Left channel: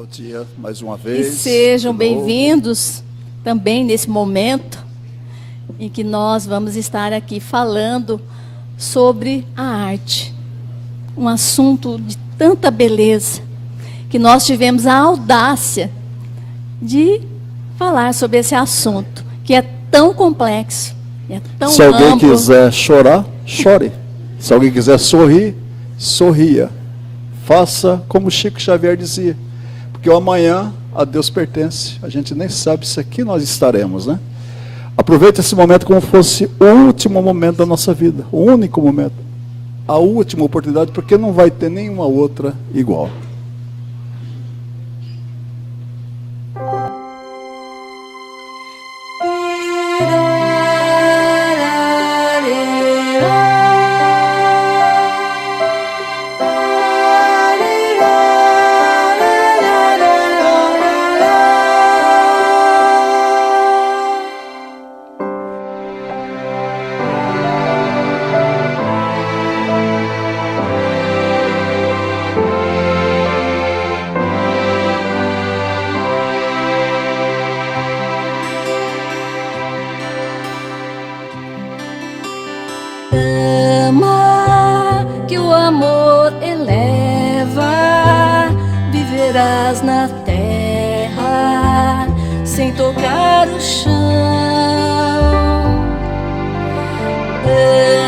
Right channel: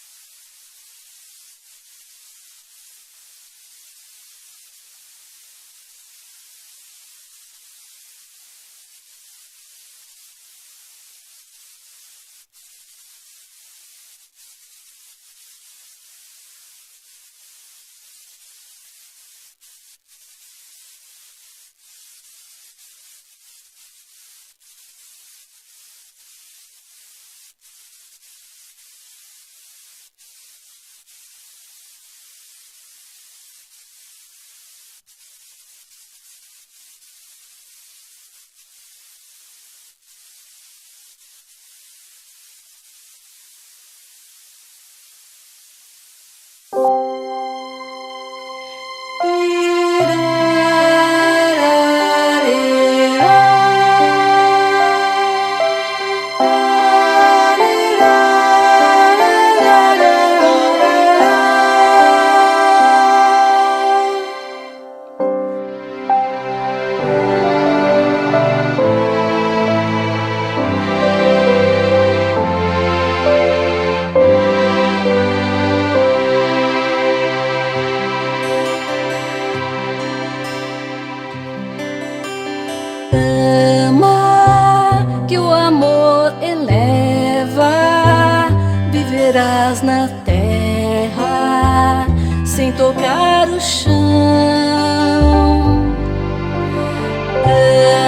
Bom dia, mais uma vez. E sejam bem-vindos também nesse momento em que nós vamos estar aqui falando sobre a arte. Um assunto de tanta beleza, que nós tivemos a audácia de falar sobre esse assunto, que é tão complexo, é tão Se alguém amplo. quiser chorar, chore. Se alguém quiser sorrir, sorria. Faça como Chico Xavier dizia, porque o amanhã a Deus pertence. A gente nem sabe se aqui nós estaremos, né? Aproveite esse momento como fosse o último momento da nossa vida, o único momento, a última oportunidade, porque não vai ter nenhuma outra igual. Ama, que o amor eleva, viverás na terra sem tocar o chão.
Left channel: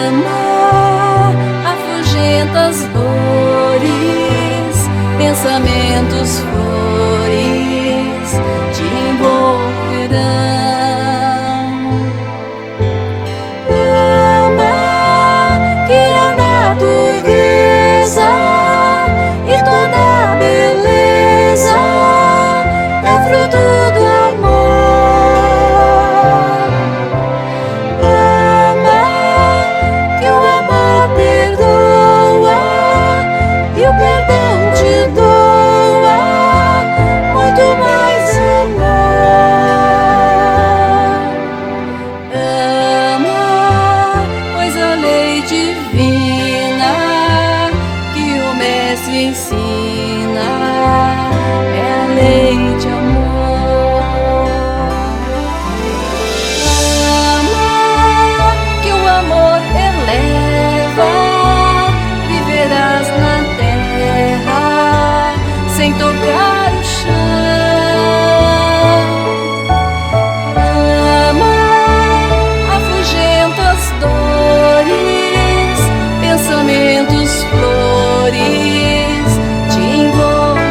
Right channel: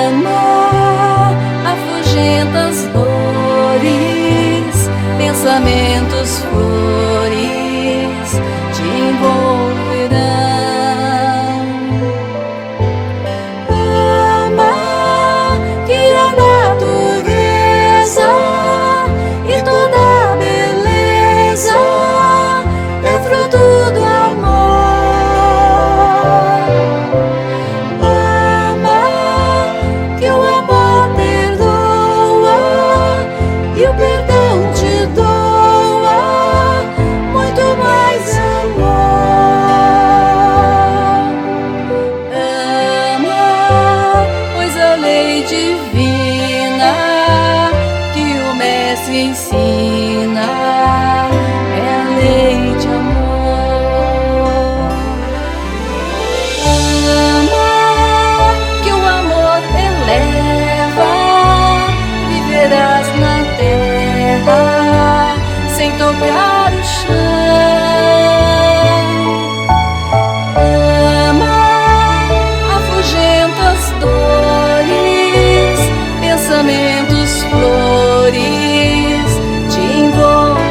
Ama, afugenta as dores, pensamentos flores te envolverão. Ensina, é a lei de amor. Ama, que o amor eleva, viverás na terra sem tocar o chão. Ama, afugenta as dores, pensamentos flores te envolverão.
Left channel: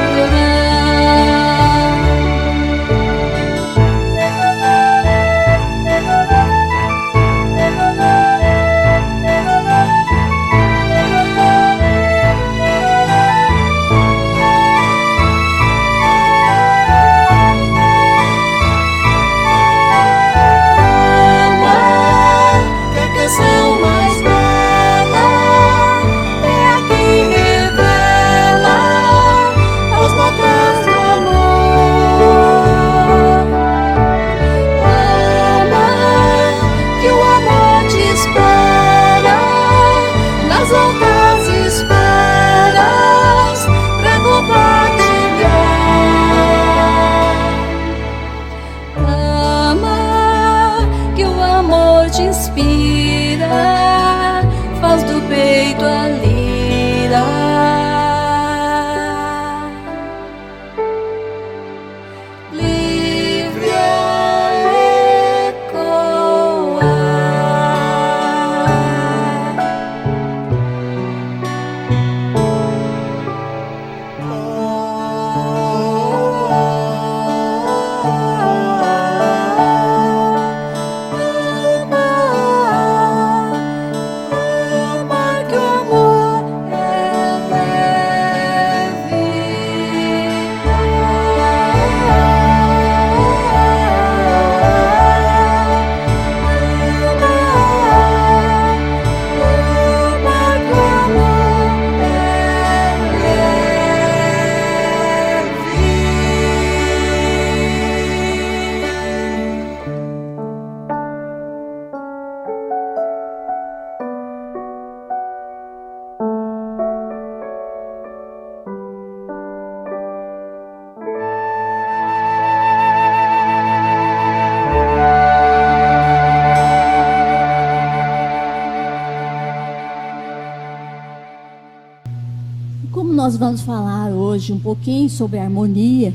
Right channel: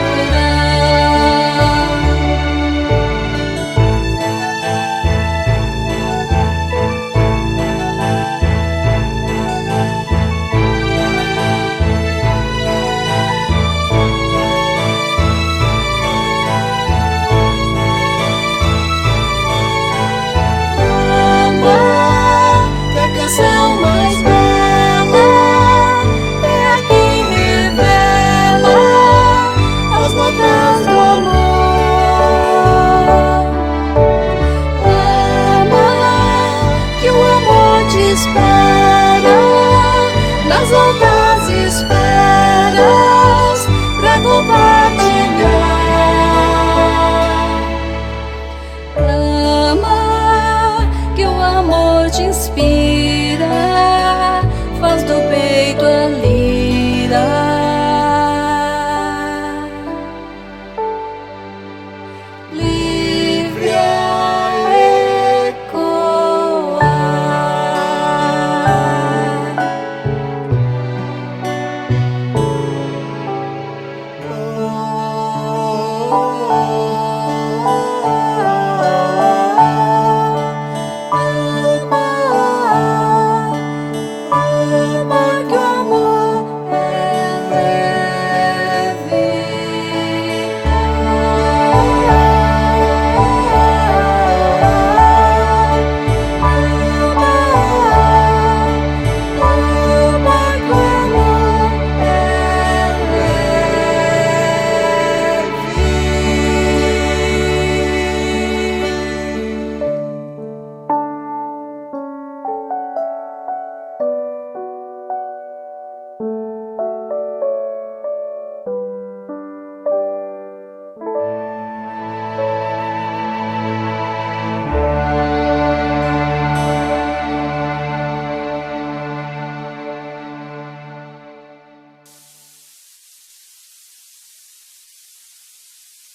nós vamos falar hoje um pouquinho sobre a harmonia,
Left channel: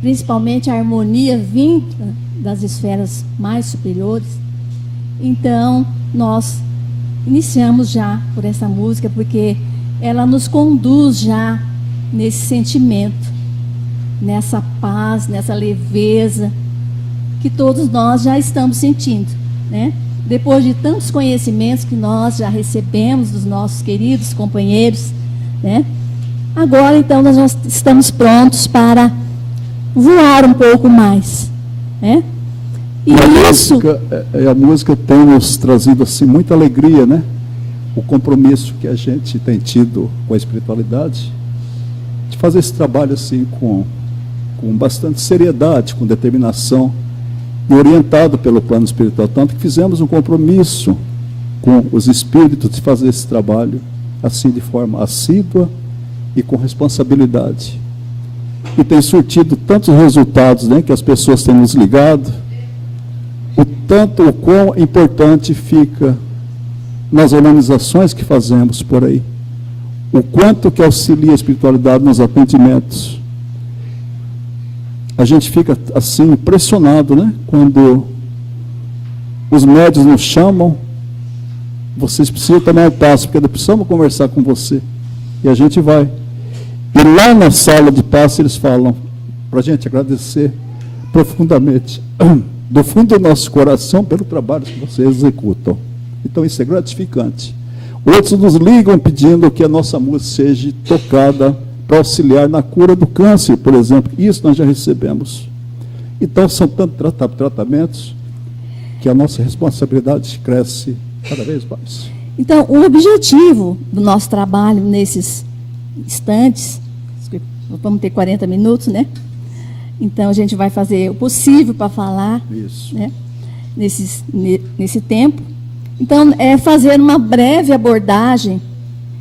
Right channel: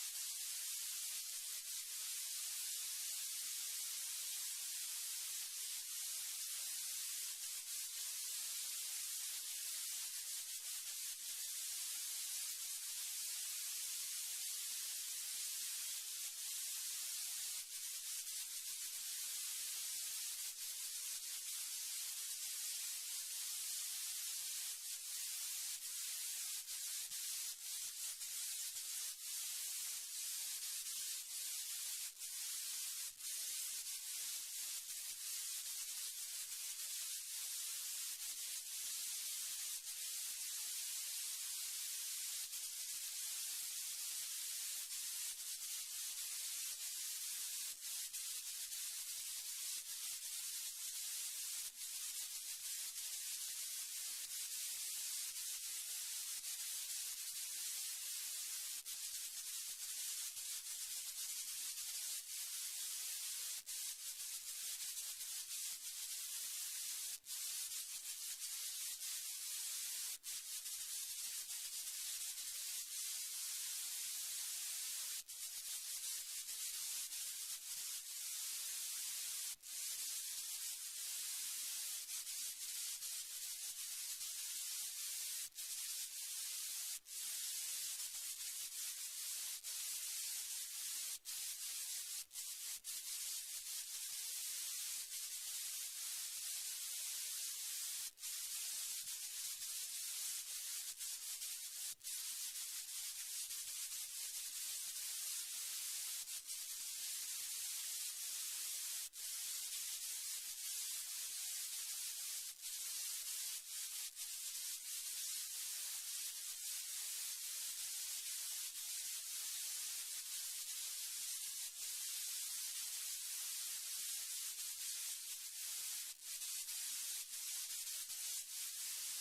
principalmente a harmonia vinda das esferas mais superiores. Então, nós iniciamos já por essa música, porque ela nos conduz já nesse sentimento, nessa paz, nessa leveza que todos nós já estamos sentindo, né? Depois de tantos conhecimentos que nós já recebemos dos nossos queridos companheiros, né? Agora, então, nós já estamos prontos para voar um pouco mais, né? E a música tem nos trazido assim muita alegria, né? O compromisso que a gente tem tido com a espiritualidade, de fazer esse trabalho assim com bastante seriedade, com determinação, e orientado pelo plano espiritual, tanto que fizemos um compromisso com os espíritos de fazer esse trabalho assim de forma assídua e com responsabilidade. E tem surtido tantos resultados, né, que as pessoas têm nos ligado, o quão importante fica nas organizações que fazemos por aí, o quanto que auxilia a espiritualidade nos atendimentos. A gente fica assim impressionado, né? Quando os médios nos chamam, vocês precisam tomar um passo, porque precisamos conversar com você. E a gente vai. E lá na sala de passe eles falam para a gente agradecer profundamente, do fundo do nosso coração, pelo trabalho que vocês executam. Então isso é gratificante. Outros nos ligam pedindo que a nossa música seja tocada para auxiliar na cura do câncer, por exemplo. Isso nós já recebemos. Então, são tantos tratamentos que a nossa responsabilidade cresce cada vez mais. Então, o objetivo do nosso trabalho nesses instantes, vamos ter 40 minutos, né? Então, a gente vai fazer o possível para falar, né? Nesse tempo. Então, é fazer uma breve abordagem,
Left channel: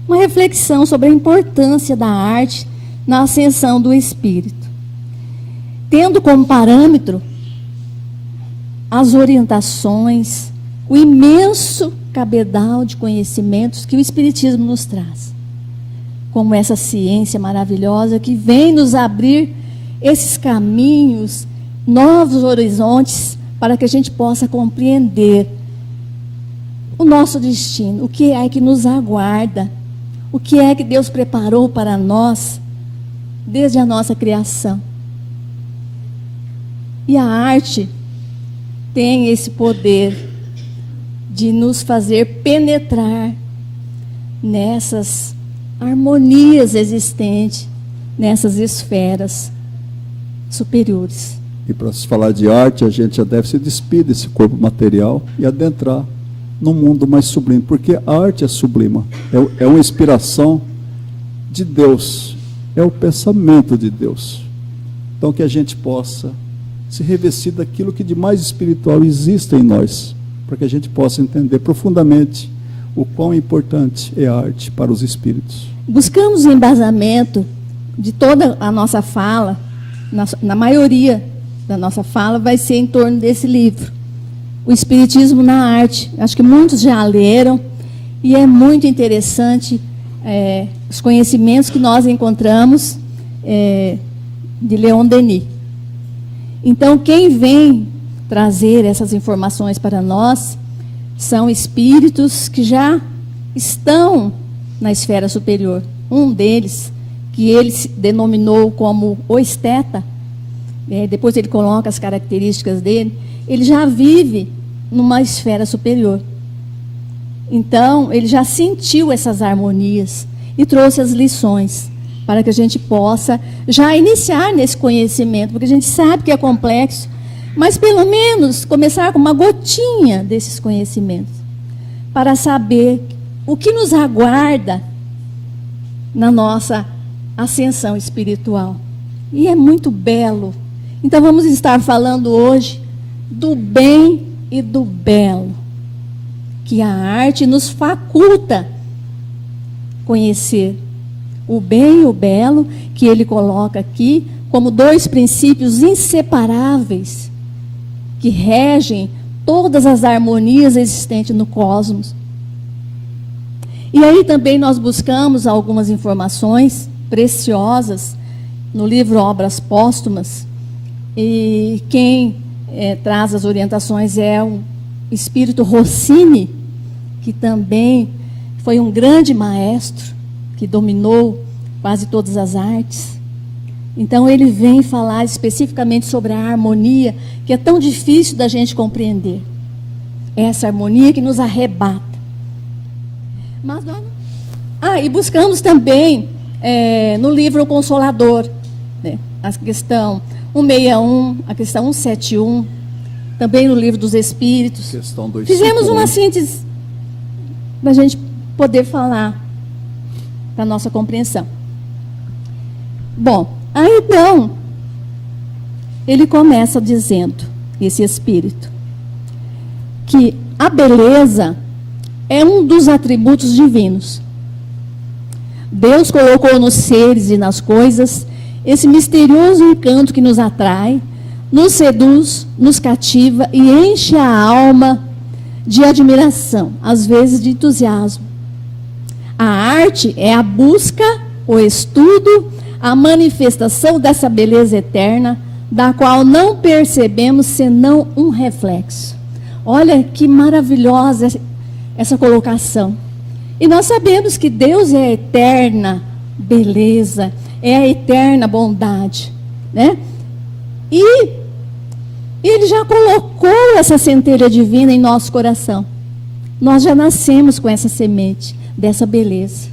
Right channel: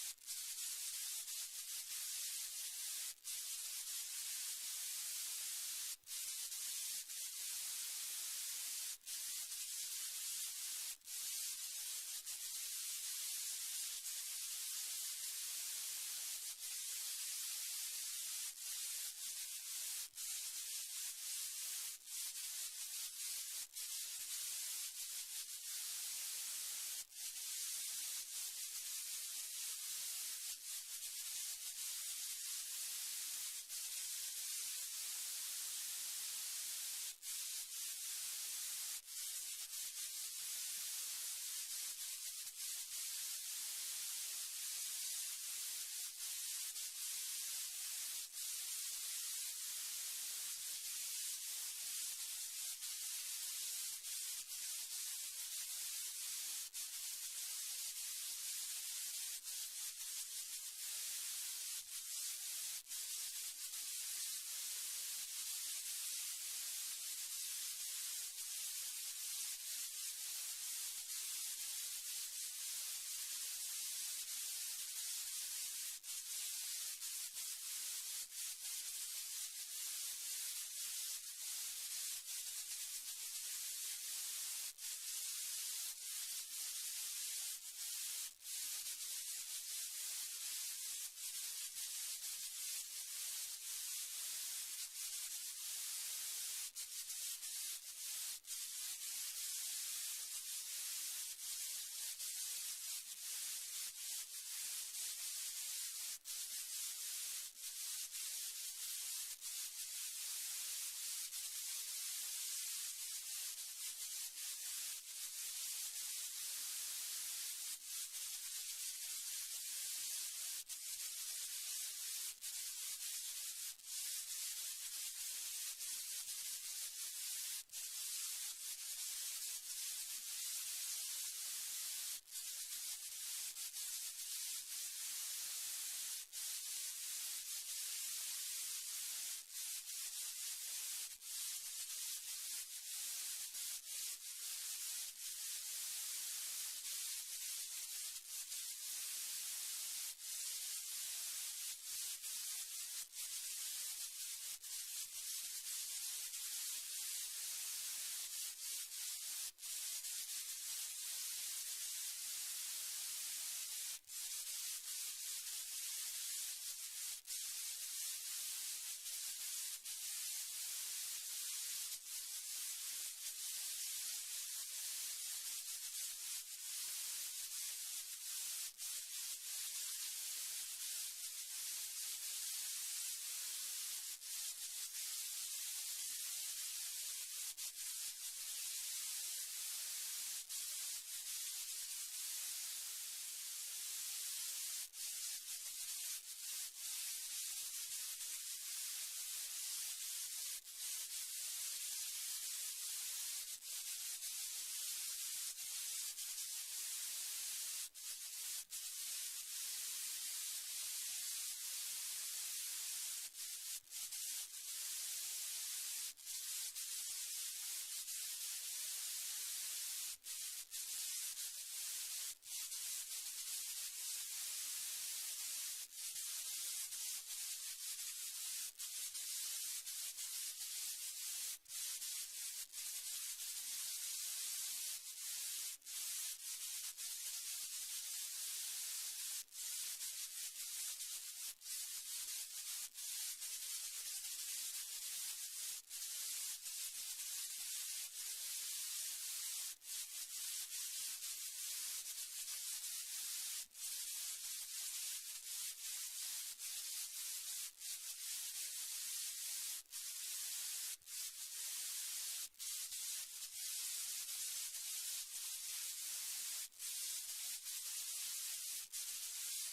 uma reflexão sobre a importância da arte na ascensão do espírito, tendo como parâmetro as orientações, o imenso cabedal de conhecimentos que o Espiritismo nos traz, como essa ciência maravilhosa que vem nos abrir esses caminhos, novos horizontes, para que a gente possa compreender o nosso destino, o que é que nos aguarda, o que é que Deus preparou para nós desde a nossa criação. E a arte tem esse poder de nos fazer penetrar nessas harmonias existentes, nessas esferas superiores. E para se falar de arte, a gente já deve se despir desse corpo material e adentrar no mundo mais sublime, porque a arte é sublima, é uma inspiração de Deus, é o pensamento de Deus. Então que a gente possa se revestir daquilo que de mais espiritual existe em nós, para que a gente possa entender profundamente o quão importante é a arte para os espíritos. Buscamos o embasamento de toda a nossa fala, na maioria da nossa fala vai ser em torno desse livro, O Espiritismo na Arte. Acho que muitos já leram e é muito interessante os conhecimentos que nós encontramos de Leon Denis. Então, quem vem trazer essas informações para nós são espíritos que já estão na esfera superior. Um deles, que ele se denominou como o esteta, depois ele coloca as características dele, ele já vive numa esfera superior. Então, ele já sentiu essas harmonias e trouxe as lições para que a gente possa já iniciar nesse conhecimento, porque a gente sabe que é complexo, mas pelo menos começar com uma gotinha desses conhecimentos, para saber o que nos aguarda na nossa ascensão espiritual. E é muito belo. Então vamos estar falando hoje do bem e do belo, que a arte nos faculta conhecer. O bem e o belo, que ele coloca aqui como dois princípios inseparáveis que regem todas as harmonias existentes no cosmos. E aí também nós buscamos algumas informações preciosas no livro Obras Póstumas. E quem traz as orientações é o Espírito Rossini, que também foi um grande maestro, que dominou quase todas as artes. Então ele vem falar especificamente sobre a harmonia, que é tão difícil da gente compreender. Essa harmonia que nos arrebata. Mas e buscamos também no livro O Consolador, né, a questão 161, a questão 171, também no livro dos Espíritos. Questão 251. Fizemos uma síntese para a gente poder falar para a nossa compreensão. Bom, aí então, ele começa dizendo, esse Espírito, que a beleza é um dos atributos divinos. Deus colocou nos seres e nas coisas esse misterioso encanto que nos atrai, nos seduz, nos cativa e enche a alma de admiração, às vezes de entusiasmo. A arte é a busca, o estudo, a manifestação dessa beleza eterna, da qual não percebemos senão um reflexo. Olha que maravilhosa essa colocação. E nós sabemos que Deus é a eterna beleza, é a eterna bondade, né? E Ele já colocou essa centelha divina em nosso coração. Nós já nascemos com essa semente dessa beleza.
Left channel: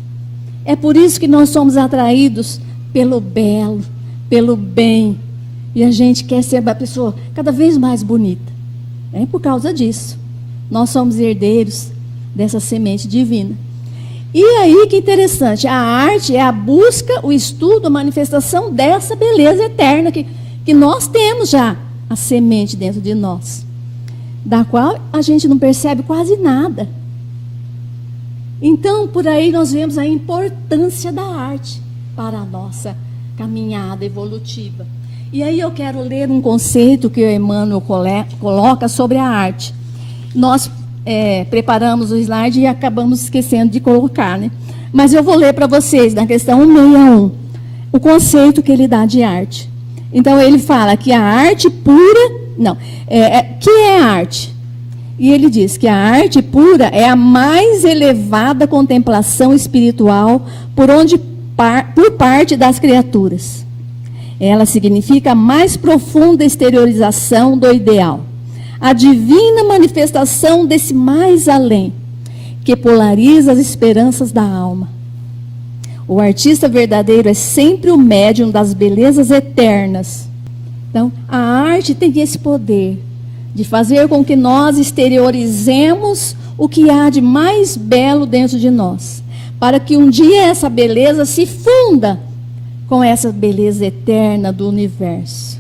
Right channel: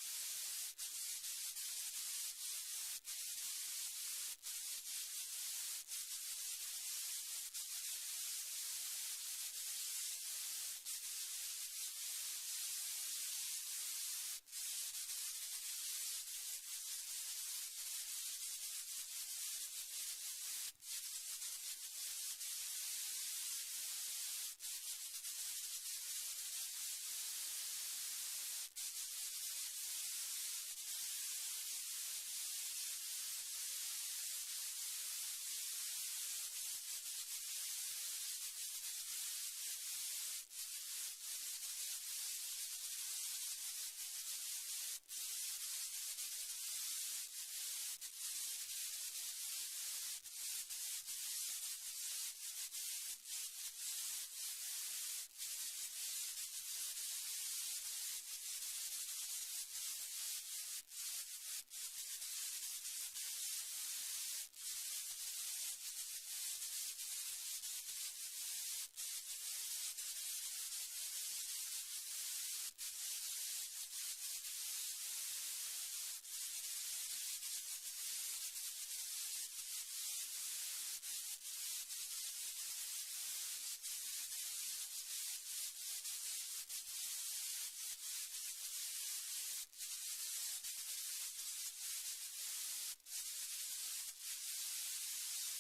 É por isso que nós somos atraídos pelo belo, pelo bem. E a gente quer ser uma pessoa cada vez mais bonita. É por causa disso. Nós somos herdeiros dessa semente divina. E aí que interessante, a arte é a busca, o estudo, a manifestação dessa beleza eterna que nós temos já, a semente dentro de nós, da qual a gente não percebe quase nada. Então, por aí nós vemos a importância da arte para a nossa caminhada evolutiva. E aí eu quero ler um conceito que o Emmanuel coloca sobre a arte. Nós preparamos o slide e acabamos esquecendo de colocar, né? Mas eu vou ler para vocês, na questão 161, o conceito que ele dá de arte. Então, ele fala que a arte pura... que é a arte? E ele diz que a arte pura é a mais elevada contemplação espiritual por parte das criaturas. Ela significa a mais profunda exteriorização do ideal. A divina manifestação desse mais além, que polariza as esperanças da alma. O artista verdadeiro é sempre o médium das belezas eternas. Então, a arte tem esse poder de fazer com que nós exteriorizemos o que há de mais belo dentro de nós, para que um dia essa beleza se funda com essa beleza eterna do universo.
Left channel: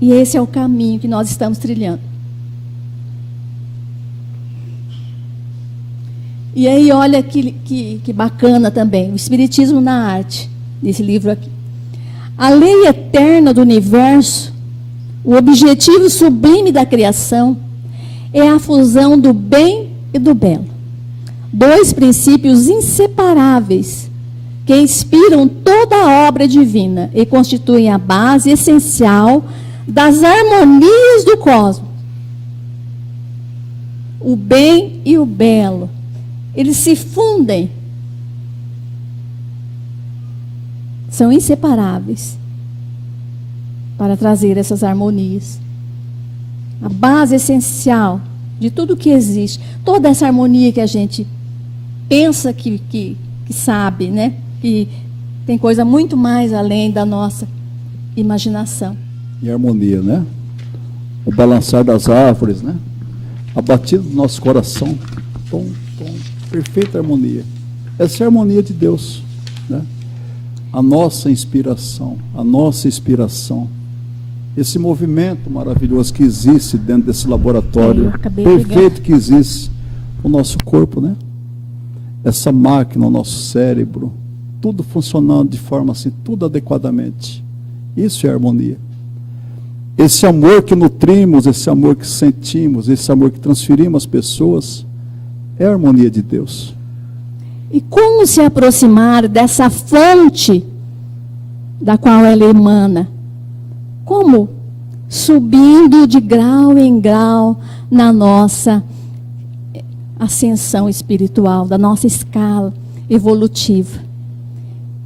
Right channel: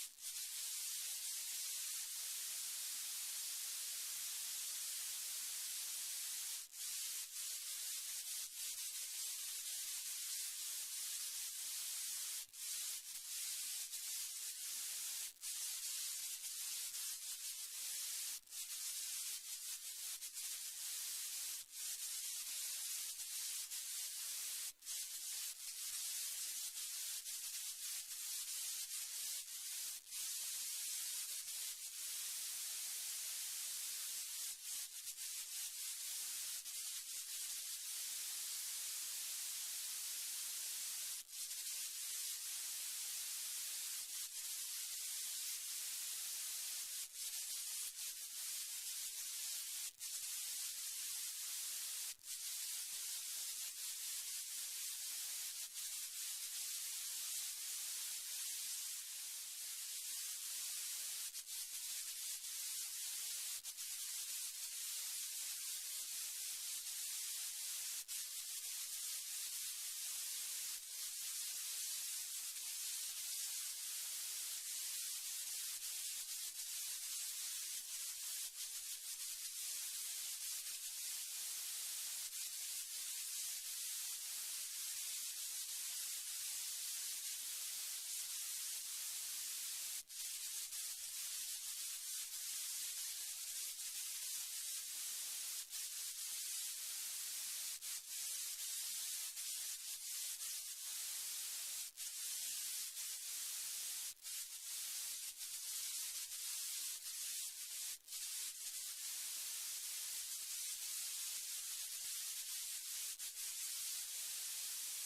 E esse é o caminho que nós estamos trilhando. E aí, olha que bacana também, o Espiritismo na Arte, nesse livro aqui. A lei eterna do universo, o objetivo sublime da criação, é a fusão do bem e do belo. Dois princípios inseparáveis que inspiram toda a obra divina e constituem a base essencial das harmonias do cosmos. O bem e o belo, eles se fundem. São inseparáveis para trazer essas harmonias. A base essencial de tudo que existe, toda essa harmonia que a gente pensa que sabe, né? Que tem coisa muito mais além da nossa imaginação. E harmonia, né? O balançar das árvores, né? A batida do nosso coração, tom, perfeita harmonia. Essa é a harmonia de Deus, né? A nossa inspiração, esse movimento maravilhoso que existe dentro desse laboratório perfeito que existe no nosso corpo, né? Essa máquina, o nosso cérebro, tudo funcionando de forma assim, tudo adequadamente. Isso é harmonia. Esse amor que nutrimos, esse amor que sentimos, esse amor que transferimos às pessoas, é a harmonia de Deus. E como se aproximar dessa fonte da qual ela emana? Como? Subindo de grau em grau na nossa ascensão espiritual, da nossa escala evolutiva.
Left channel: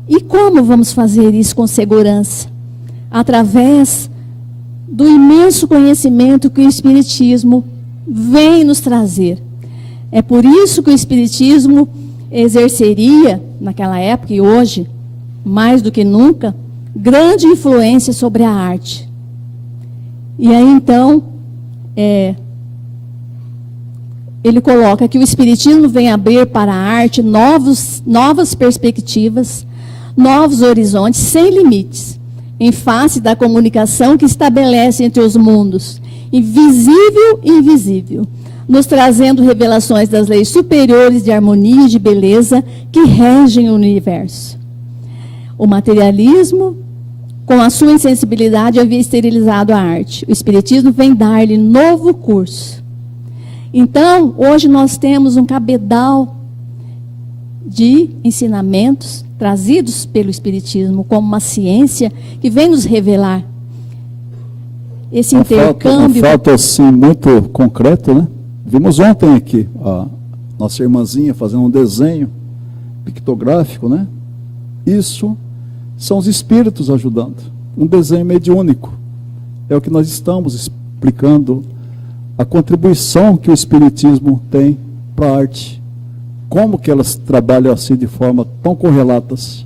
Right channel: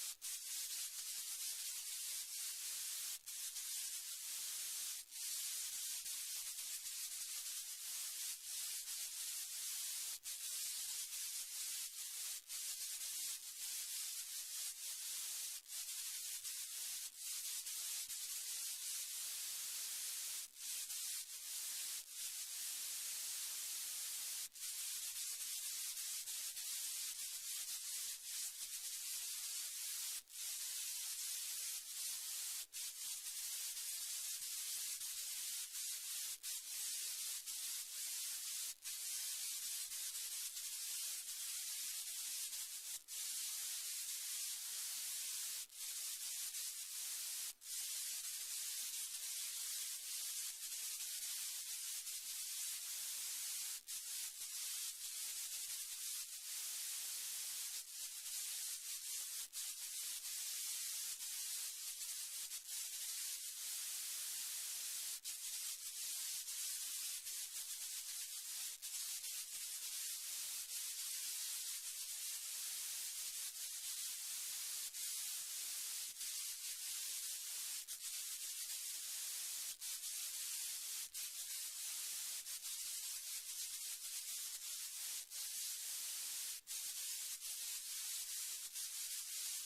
E como vamos fazer isso com segurança? Através do imenso conhecimento que o Espiritismo vem nos trazer. É por isso que o Espiritismo exerceria, naquela época e hoje, mais do que nunca, grande influência sobre a arte. E aí, então, ele coloca que o Espiritismo vem abrir para a arte novas perspectivas, novos horizontes, sem limites, em face da comunicação que estabelece entre os mundos, invisível e invisível, nos trazendo revelações das leis superiores de harmonia e de beleza que regem o universo. O materialismo, com a sua insensibilidade, havia esterilizado a arte. O Espiritismo vem dar-lhe novo curso. Então, hoje nós temos um cabedal de ensinamentos trazidos pelo Espiritismo como uma ciência que vem nos revelar esse intercâmbio. Um fato assim muito concreto, né? Vimos ontem aqui a nossa irmãzinha fazendo um desenho pictográfico, né? Isso são os espíritos ajudando. Um desenho mediúnico. É o que nós estamos explicando, a contribuição que o Espiritismo tem para a arte. Como que elas trabalham assim de forma tão correlatas.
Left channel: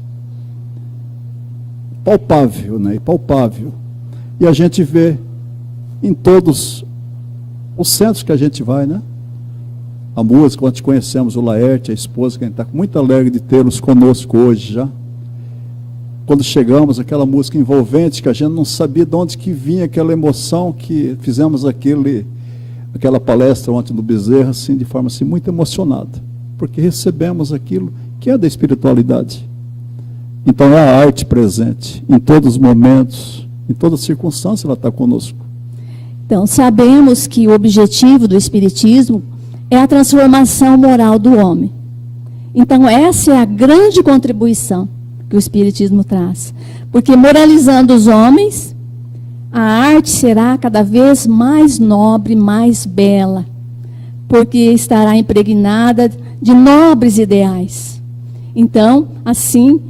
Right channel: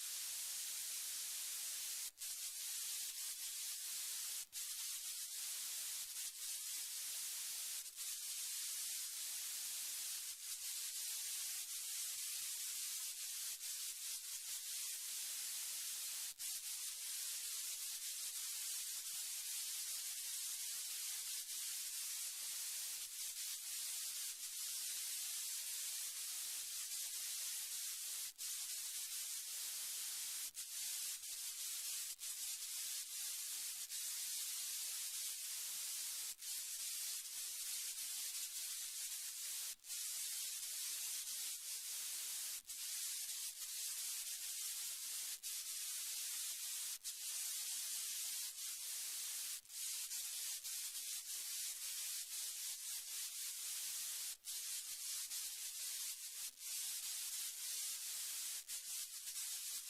Palpável, né? Palpável. E a gente vê em todos os centros que a gente vai, né? A música, quando conhecemos o Laerte, a esposa, que a gente está muito alegre de tê-los conosco hoje já. Quando chegamos, aquela música envolvente, que a gente não sabia de onde que vinha aquela emoção, que fizemos aquela palestra ontem do Bezerra, assim, de forma assim, muito emocionada, porque recebemos aquilo que é da espiritualidade. Então é a arte presente, em todos os momentos, em todas as circunstâncias ela está conosco. Então, sabemos que o objetivo do Espiritismo é a transformação moral do homem. Então, essa é a grande contribuição que o Espiritismo traz. Porque moralizando os homens, a arte será cada vez mais nobre, mais bela, porque estará impregnada de nobres ideais. Então, assim,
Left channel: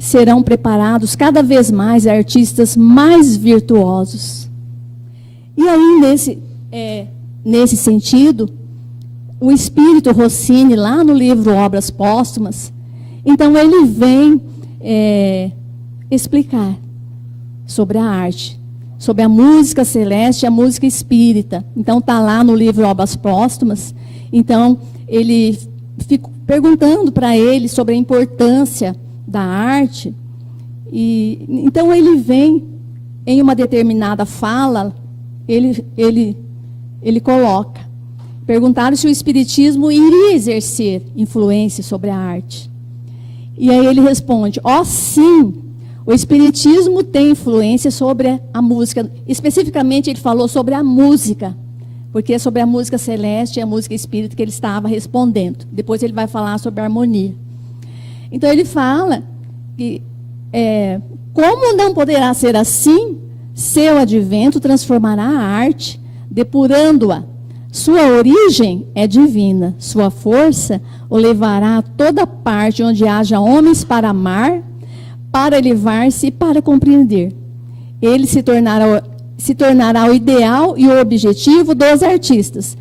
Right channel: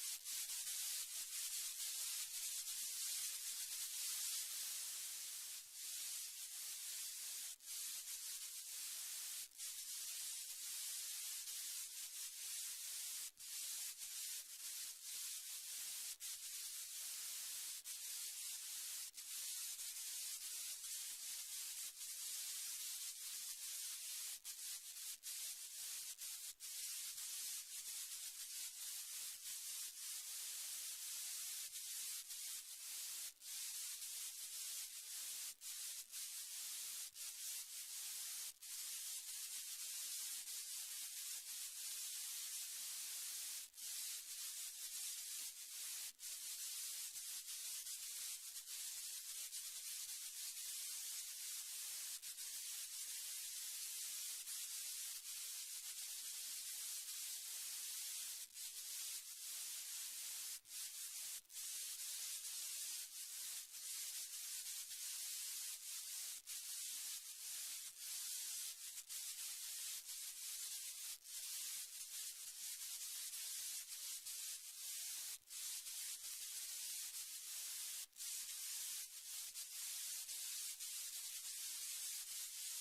serão preparados cada vez mais artistas mais virtuosos. E aí, nesse sentido, o espírito Rossini, lá no livro Obras Póstumas, então ele vem explicar sobre a arte, sobre a música celeste e a música espírita. Então está lá no livro Obras Póstumas. Então ele fica perguntando para ele sobre a importância da arte. E então ele vem em uma determinada fala, ele coloca, perguntaram se o Espiritismo iria exercer influência sobre a arte. E aí ele responde: sim, o Espiritismo tem influência sobre a música. Especificamente ele falou sobre a música, porque é sobre a música celeste e a música espírita que ele estava respondendo. Depois ele vai falar sobre a harmonia. Então ele fala que, como não poderá ser assim, seu advento transformará a arte, depurando-a. Sua origem é divina, sua força o levará a toda parte onde haja homens para amar, para elevar-se e para compreender. Ele se tornará o ideal e o objetivo dos artistas.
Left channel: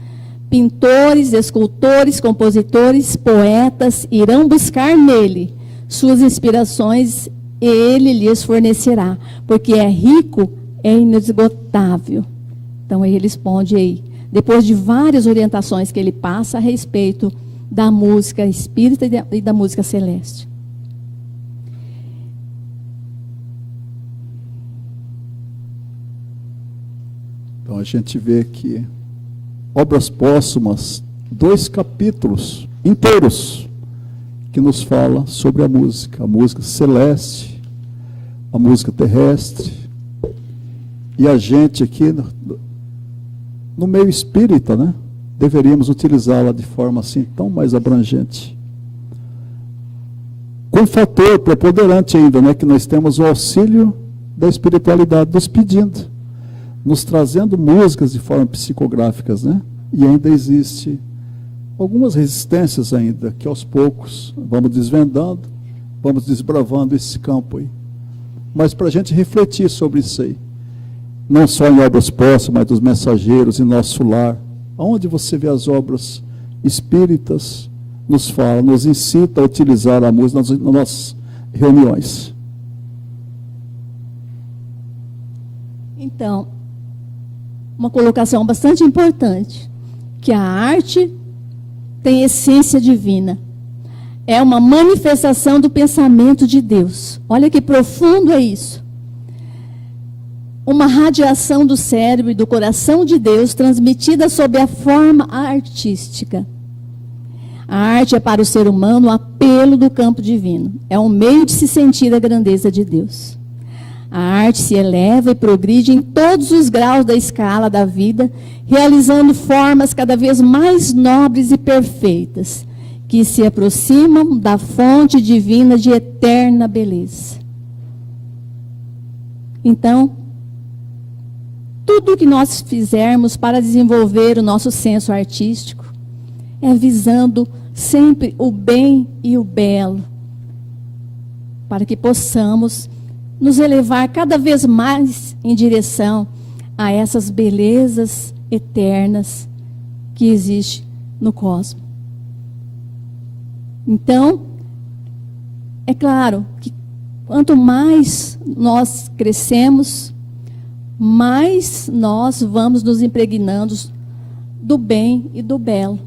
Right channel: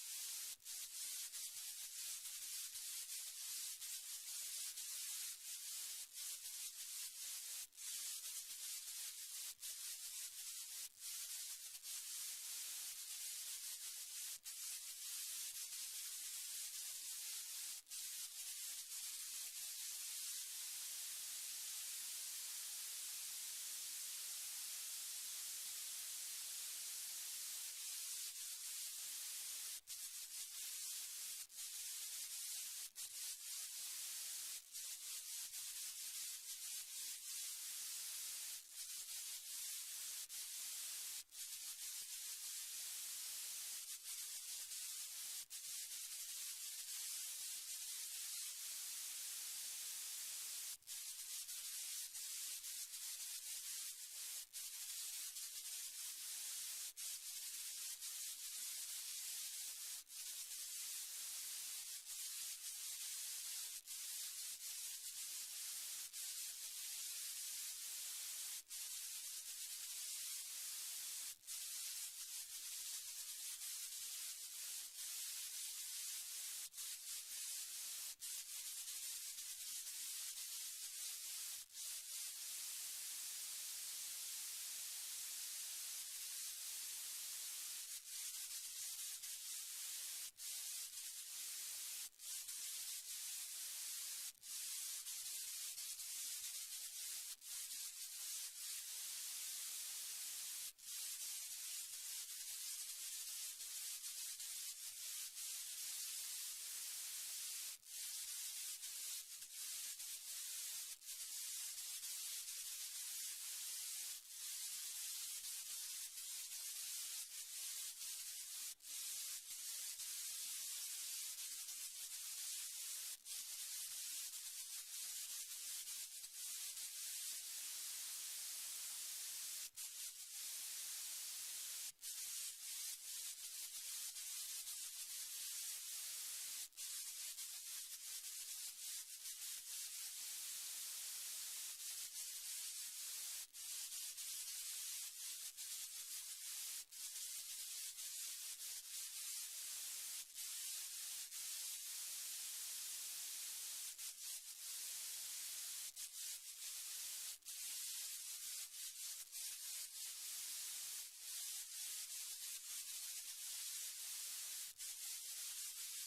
Pintores, escultores, compositores, poetas irão buscar nele suas inspirações e ele lhes fornecerá, porque é rico, é inesgotável. Então ele responde aí, depois de várias orientações que ele passa a respeito da música espírita e da música celeste. Então a gente vê que Obras Póstumas, 2 capítulos inteiros, que nos fala sobre a música celeste, a música terrestre, e a gente aqui no meio espírita, né, deveríamos utilizá-la de forma assim tão mais abrangente. Tem um fator preponderante ainda, né, que nós temos o auxílio da espiritualidade nos pedindo, nos trazendo músicas de forma psicográficas, né? E ainda existe algumas resistências ainda, que aos poucos vamos desvendando, vamos desbravando esse campo aí. Mas para a gente refletir sobre isso aí, não só em obras postas, mas dos mensageiros, em nosso lar, onde você vê as obras espíritas, nos fala, nos incita a utilizar a música nas nossas reuniões. Então, uma colocação bastante importante, que a arte tem essência divina. É uma manifestação do pensamento de Deus. Olha que profundo é isso. Uma radiação do cérebro e do coração de Deus transmitida sob a forma artística. A arte é para o ser humano o apelo do campo divino. É um meio de se sentir a grandeza de Deus. A arte se eleva e progride em todos os graus da escala da vida, realizando formas cada vez mais nobres e perfeitas, que se aproximam da fonte divina de eterna beleza. Então, tudo o que nós fizermos para desenvolver o nosso senso artístico é visando sempre o bem e o belo, para que possamos nos elevar cada vez mais em direção a essas belezas eternas que existem no cosmos. Então, é claro que quanto mais nós crescemos, mais nós vamos nos impregnando do bem e do belo.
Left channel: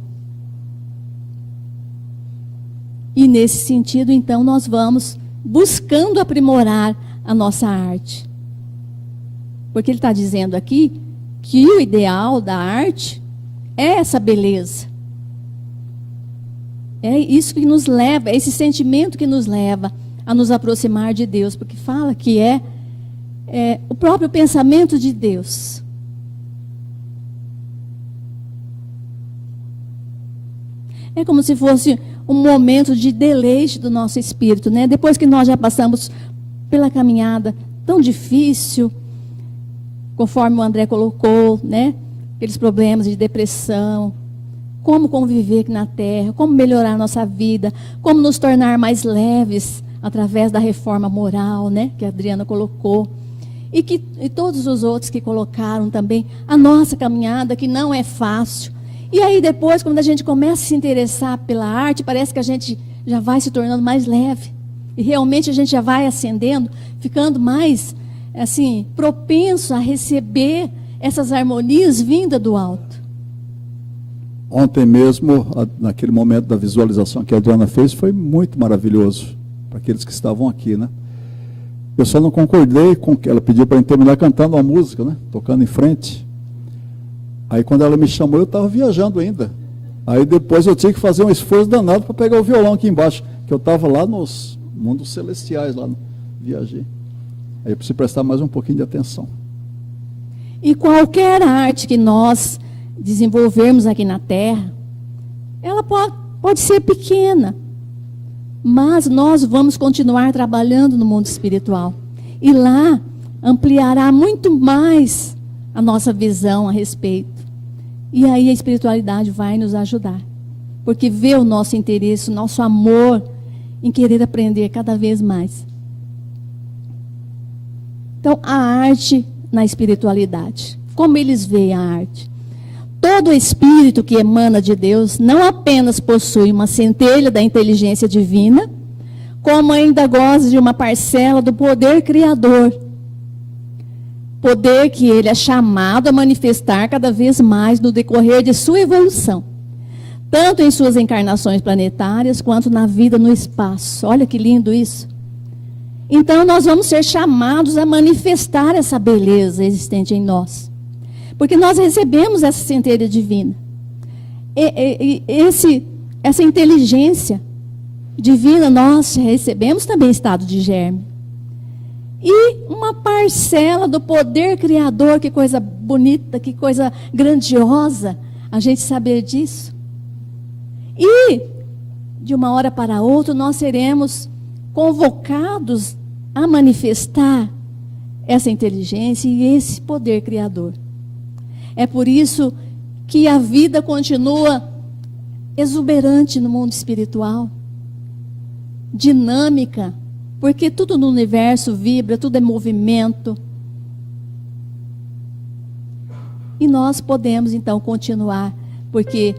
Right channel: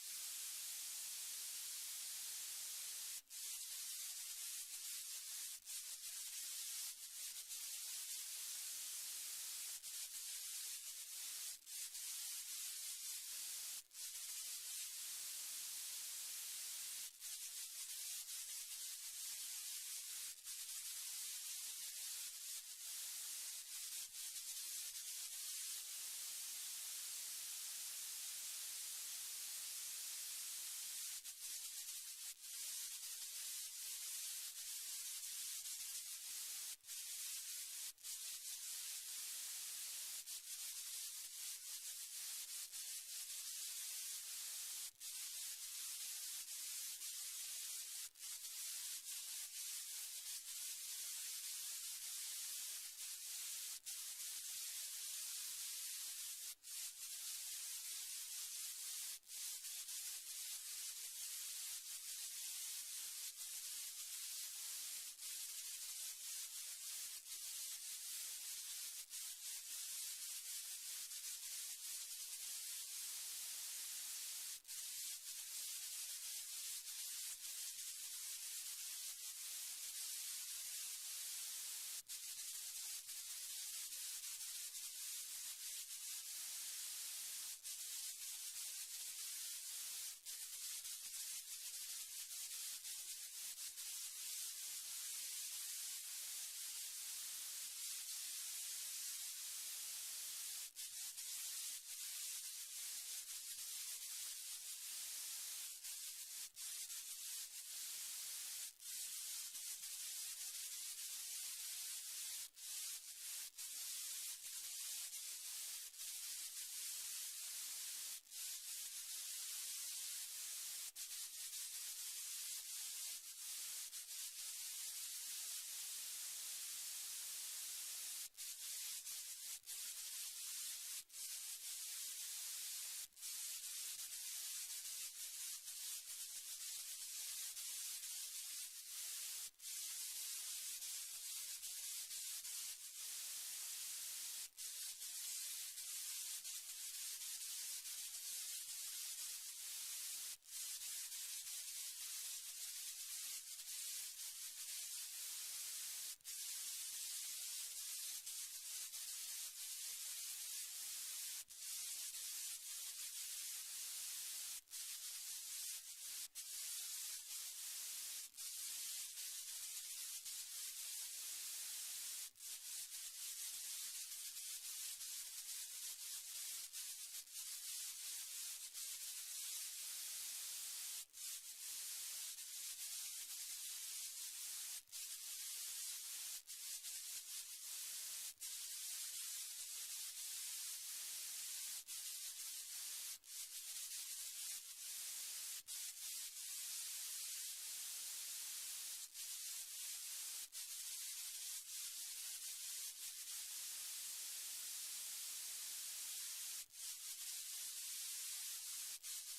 E nesse sentido, então, nós vamos buscando aprimorar a nossa arte. Porque ele está dizendo aqui que o ideal da arte é essa beleza. É isso que nos leva, é esse sentimento que nos leva a nos aproximar de Deus. Porque fala que é o próprio pensamento de Deus. É como se fosse um momento de deleite do nosso espírito, né? Depois que nós já passamos pela caminhada tão difícil, conforme o André colocou, né? Aqueles problemas de depressão, como conviver aqui na Terra, como melhorar a nossa vida, como nos tornar mais leves através da reforma moral, né? Que a Adriana colocou. E todos os outros que colocaram também a nossa caminhada, que não é fácil. E aí depois, quando a gente começa a se interessar pela arte, parece que a gente já vai se tornando mais leve. E realmente a gente já vai ascendendo, ficando mais, assim, propenso a receber essas harmonias vindas do alto. Ontem mesmo, naquele momento da visualização que a Adriana fez, foi muito maravilhoso para aqueles que estavam aqui, né? Eu só não concordei com o que ela pediu para terminar cantando uma música, né? Tocando em frente. Aí quando ela me chamou, eu estava viajando ainda. Aí depois eu tinha que fazer um esforço danado para pegar o violão aqui embaixo, que eu estava lá nos mundos celestiais, lá no viajei. Aí eu preciso prestar mais um pouquinho de atenção. E qualquer arte que nós desenvolvermos aqui na Terra, ela pode ser pequena, mas nós vamos continuar trabalhando no mundo espiritual. E lá ampliará muito mais a nossa visão a respeito. E aí a espiritualidade vai nos ajudar. Porque vê o nosso interesse, o nosso amor em querer aprender cada vez mais. Então, a arte na espiritualidade. Como eles veem a arte? Todo espírito que emana de Deus não apenas possui uma centelha da inteligência divina, como ainda goza de uma parcela do poder criador. Poder que ele é chamado a manifestar cada vez mais no decorrer de sua evolução. Tanto em suas encarnações planetárias, quanto na vida no espaço. Olha que lindo isso. Então, nós vamos ser chamados a manifestar essa beleza existente em nós. Porque nós recebemos essa centelha divina. Essa inteligência divina nós recebemos também em estado de germe. E uma parcela do poder criador, que coisa bonita, que coisa grandiosa, a gente saber disso. E, de uma hora para outra, nós seremos convocados a manifestar essa inteligência e esse poder criador. É por isso que a vida continua exuberante no mundo espiritual, dinâmica, porque tudo no universo vibra, tudo é movimento. E nós podemos então continuar, porque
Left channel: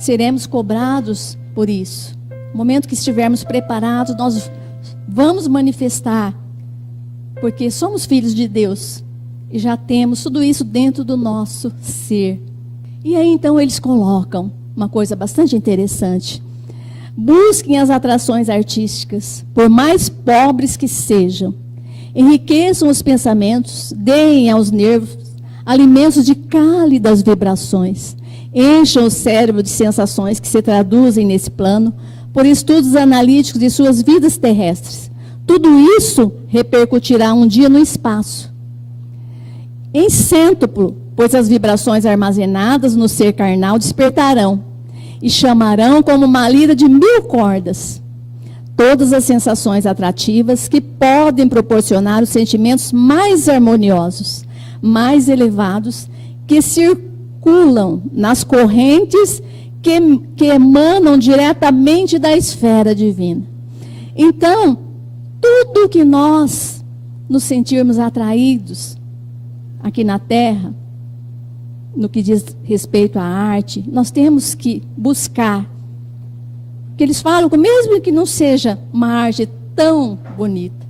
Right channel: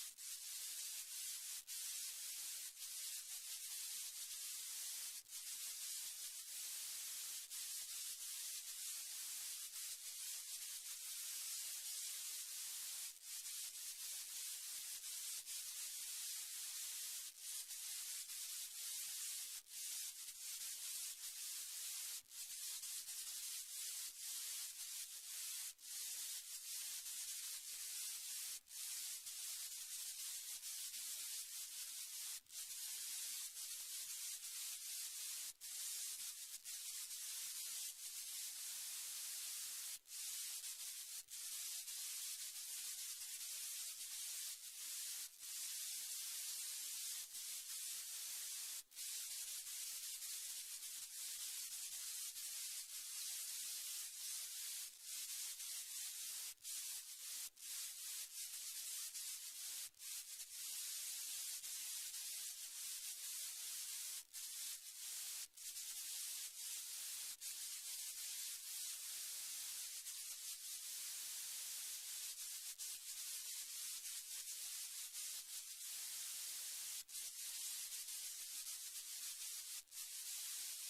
seremos cobrados por isso. No momento que estivermos preparados, nós vamos manifestar, porque somos filhos de Deus e já temos tudo isso dentro do nosso ser. E aí então eles colocam uma coisa bastante interessante: busquem as atrações artísticas, por mais pobres que sejam, enriqueçam os pensamentos, deem aos nervos alimentos de cálidas vibrações, encham o cérebro de sensações que se traduzem nesse plano por estudos analíticos de suas vidas terrestres. Tudo isso repercutirá um dia no espaço, em cêntuplo, pois as vibrações armazenadas no ser carnal despertarão e chamarão como uma lira de 1000 cordas todas as sensações atrativas que podem proporcionar os sentimentos mais harmoniosos, mais elevados, que circulam nas correntes que emanam diretamente da esfera divina. Então, tudo que nós nos sentirmos atraídos aqui na Terra, no que diz respeito à arte, nós temos que buscar. Que eles falam que mesmo que não seja uma arte tão bonita,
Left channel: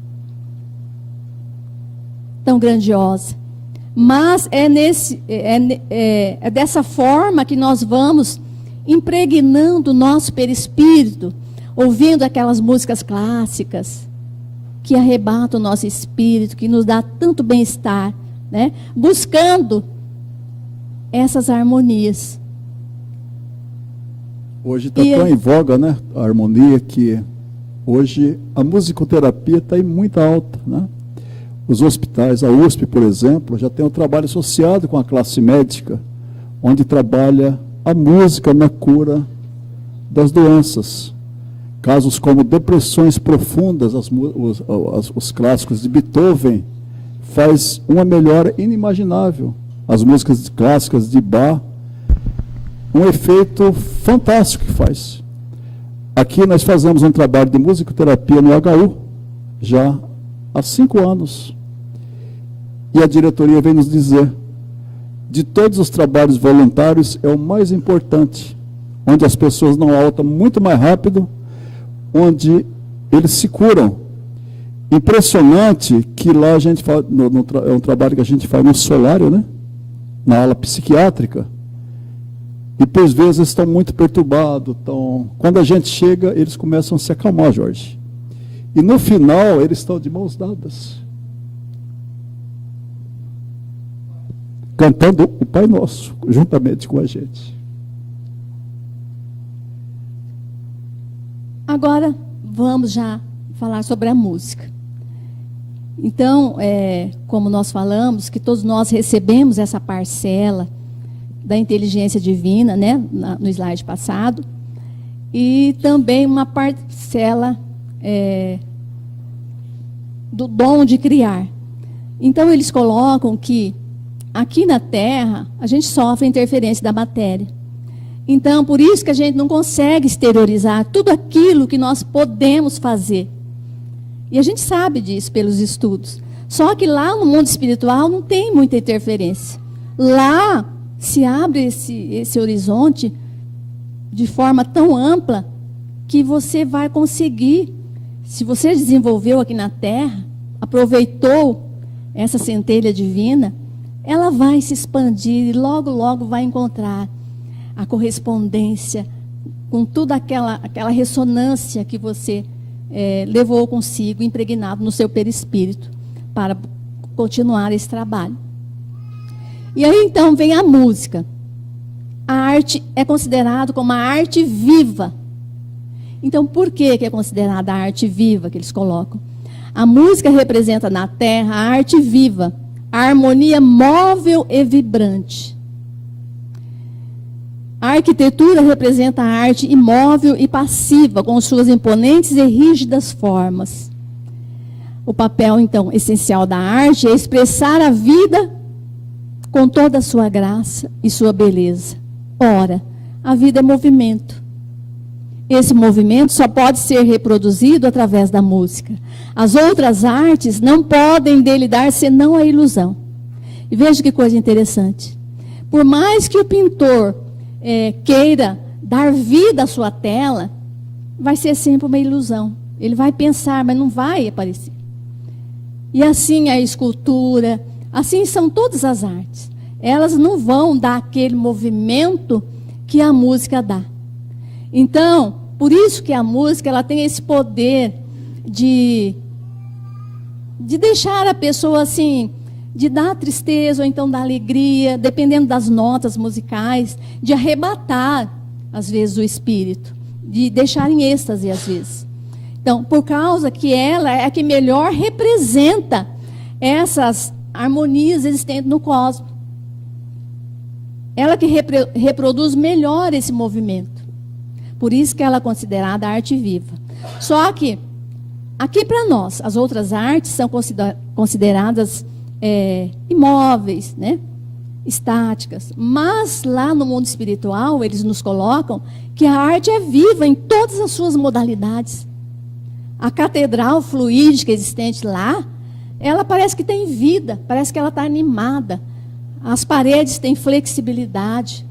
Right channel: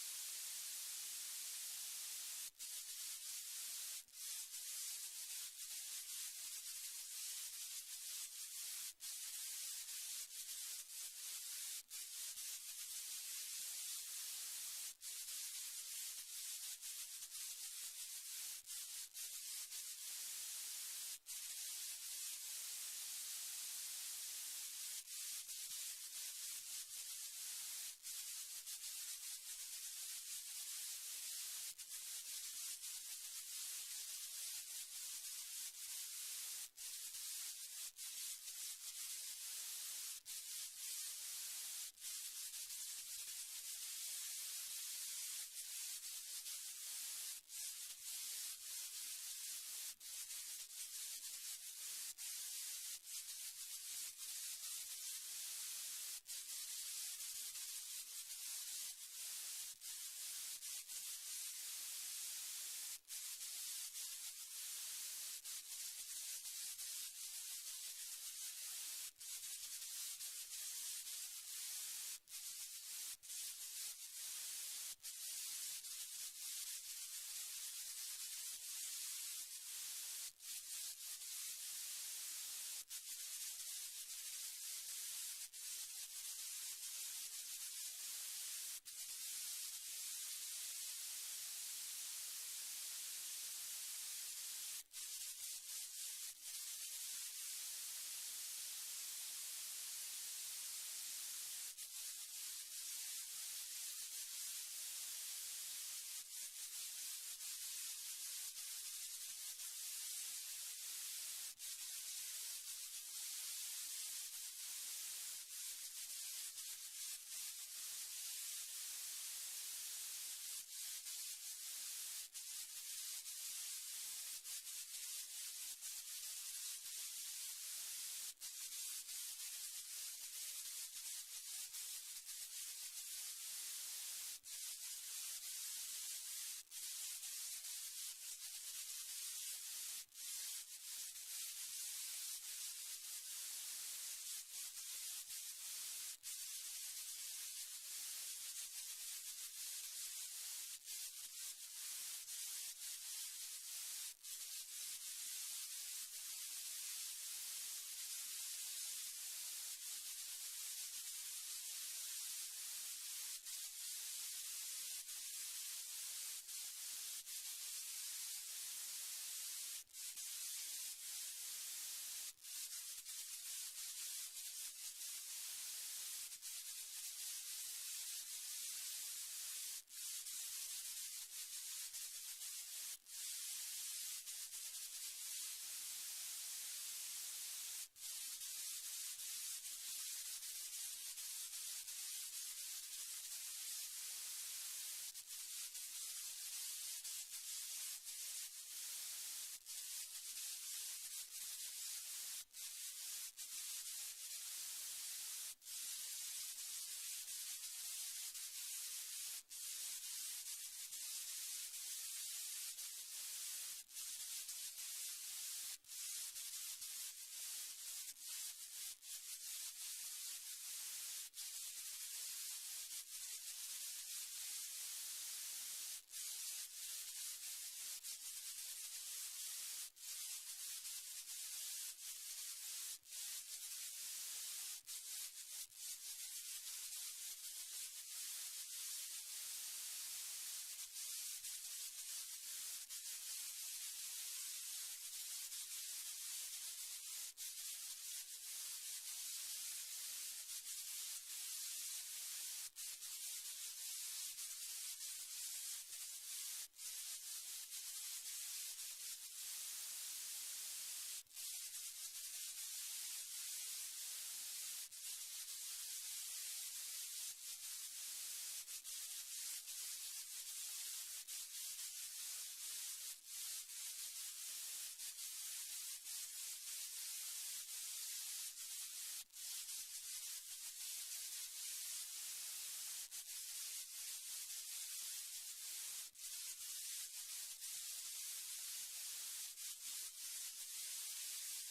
tão grandiosa, mas é dessa forma que nós vamos impregnando o nosso perispírito, ouvindo aquelas músicas clássicas que arrebatam o nosso espírito, que nos dá tanto bem-estar, né? Buscando essas harmonias. Hoje está tão em voga, né, a harmonia, que hoje a musicoterapia está em muita alta, né? Os hospitais, a USP, por exemplo, já tem um trabalho associado com a classe médica, onde trabalha a música na cura das doenças. Casos como depressões profundas, os clássicos de Beethoven, faz uma melhora inimaginável. As músicas clássicas de Bach, um efeito fantástico que faz. Aqui nós fazemos um trabalho de musicoterapia no HU, já há 5 anos. E a diretoria vem nos dizer, de todos os trabalhos voluntários, é o mais importante, onde as pessoas não altam muito mais rápido, onde eles se curam. Impressionante que lá a gente faz, é um trabalho que a gente faz no solário, né? Na ala psiquiátrica. E por vezes estão muito perturbados. Quando a gente chega, eles começam a se acalmar, Jorge. E no final, eles estão de mãos dadas, cantando o Pai Nosso, juntamente com a gente. Agora, vamos já falar sobre a música. Então, como nós falamos, que todos nós recebemos essa parcela da inteligência divina, né, no slide passado, e também uma parcela do dom de criar. Então, eles colocam que aqui na Terra, a gente sofre interferência da matéria. Então, por isso que a gente não consegue exteriorizar tudo aquilo que nós podemos fazer. E a gente sabe disso pelos estudos. Só que lá no mundo espiritual não tem muita interferência. Lá se abre esse horizonte de forma tão ampla que você vai conseguir, se você desenvolveu aqui na Terra, aproveitou essa centelha divina, ela vai se expandir e logo, logo vai encontrar a correspondência com toda aquela ressonância que você levou consigo, impregnado no seu perispírito, para continuar esse trabalho. E aí, então, vem a música. A arte é considerada como a arte viva. Então, por que é considerada a arte viva que eles colocam? A música representa na Terra a arte viva, a harmonia móvel e vibrante. A arquitetura representa a arte imóvel e passiva, com suas imponentes e rígidas formas. O papel, então, essencial da arte é expressar a vida com toda a sua graça e sua beleza. Ora, a vida é movimento. Esse movimento só pode ser reproduzido através da música. As outras artes não podem dele dar senão a ilusão. E veja que coisa interessante. Por mais que o pintor queira dar vida à sua tela, vai ser sempre uma ilusão. Ele vai pensar, mas não vai aparecer. E assim a escultura, assim são todas as artes. Elas não vão dar aquele movimento que a música dá. Então, por isso que a música ela tem esse poder de deixar a pessoa assim, de dar tristeza ou então dar alegria, dependendo das notas musicais, de arrebatar, às vezes, o espírito, de deixar em êxtase, às vezes. Então, por causa que ela é a que melhor representa essas harmonias existentes no cosmos. Ela que reproduz melhor esse movimento. Por isso que ela é considerada arte viva. Só que, aqui para nós, as outras artes são consideradas imóveis, né? Estáticas. Mas lá no mundo espiritual, eles nos colocam que a arte é viva em todas as suas modalidades. A catedral fluídica existente lá, ela parece que tem vida, parece que ela está animada. As paredes têm flexibilidade.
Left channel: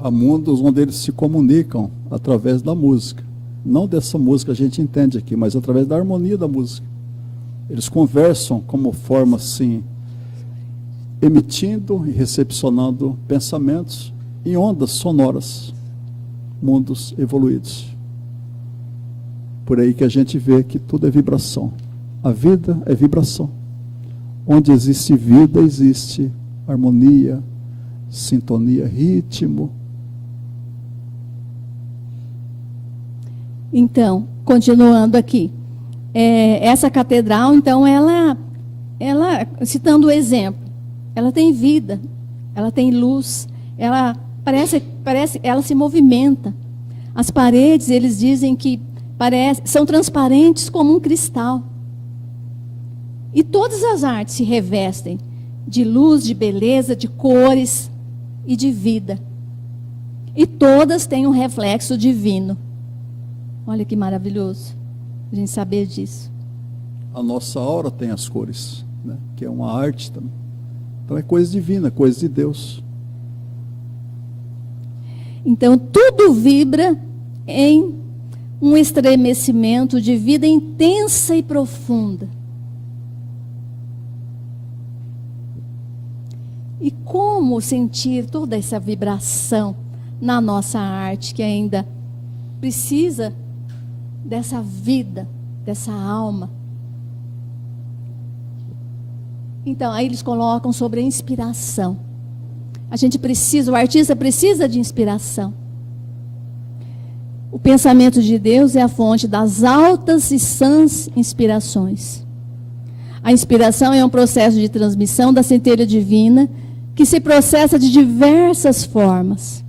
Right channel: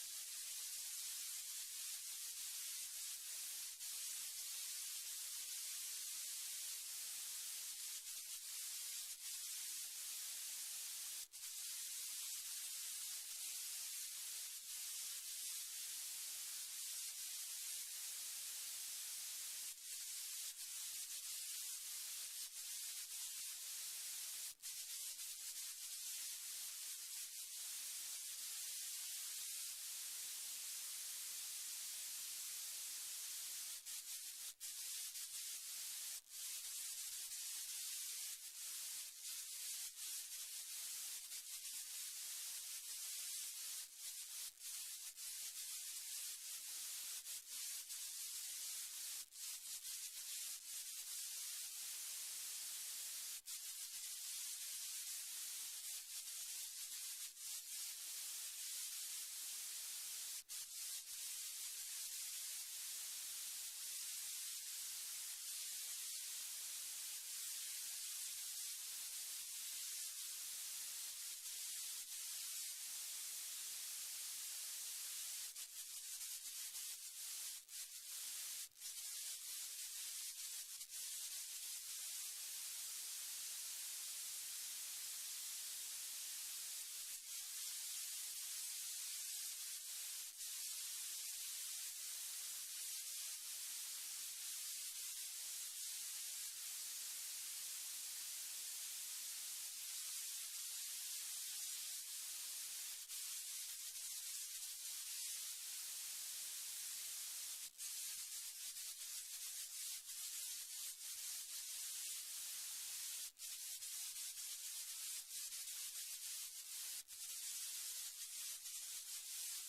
Há mundos onde eles se comunicam através da música. Não dessa música a gente entende aqui, mas através da harmonia da música. Eles conversam como forma assim, emitindo e recepcionando pensamentos em ondas sonoras, mundos evoluídos. Por aí que a gente vê que tudo é vibração. A vida é vibração. Onde existe vida, existe harmonia, sintonia, ritmo. Então, continuando aqui. Essa catedral, então, ela, citando o exemplo, ela tem vida, ela tem luz, ela ela se movimenta. As paredes, eles dizem que são transparentes como um cristal. E todas as artes se revestem de luz, de beleza, de cores e de vida. E todas têm um reflexo divino. Olha que maravilhoso a gente saber disso. A nossa aura tem as cores, né? Que é uma arte também. Então é coisa divina, coisa de Deus. Então tudo vibra em um estremecimento de vida intensa e profunda. E como sentir toda essa vibração na nossa arte, que ainda precisa dessa vida, dessa alma? Então, aí eles colocam sobre a inspiração. O artista precisa de inspiração. O pensamento de Deus é a fonte das altas e sãs inspirações. A inspiração é um processo de transmissão da centelha divina que se processa de diversas formas.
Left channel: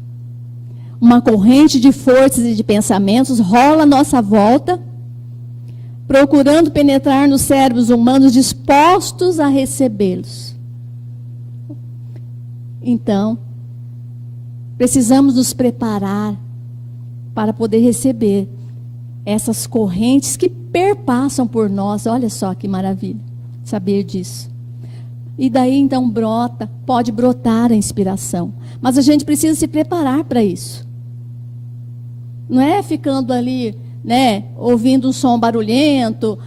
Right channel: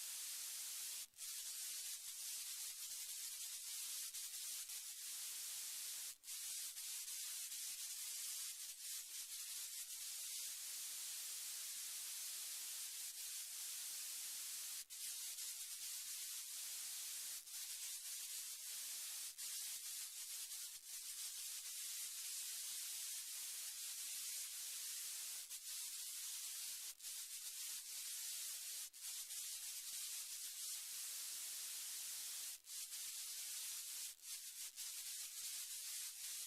Uma corrente de forças e de pensamentos rola à nossa volta, procurando penetrar nos cérebros humanos dispostos a recebê-los. Então, precisamos nos preparar para poder receber essas correntes que perpassam por nós. Olha só que maravilha saber disso. E daí então pode brotar a inspiração. Mas a gente precisa se preparar para isso. Não é ficando ali, né, ouvindo um som barulhento,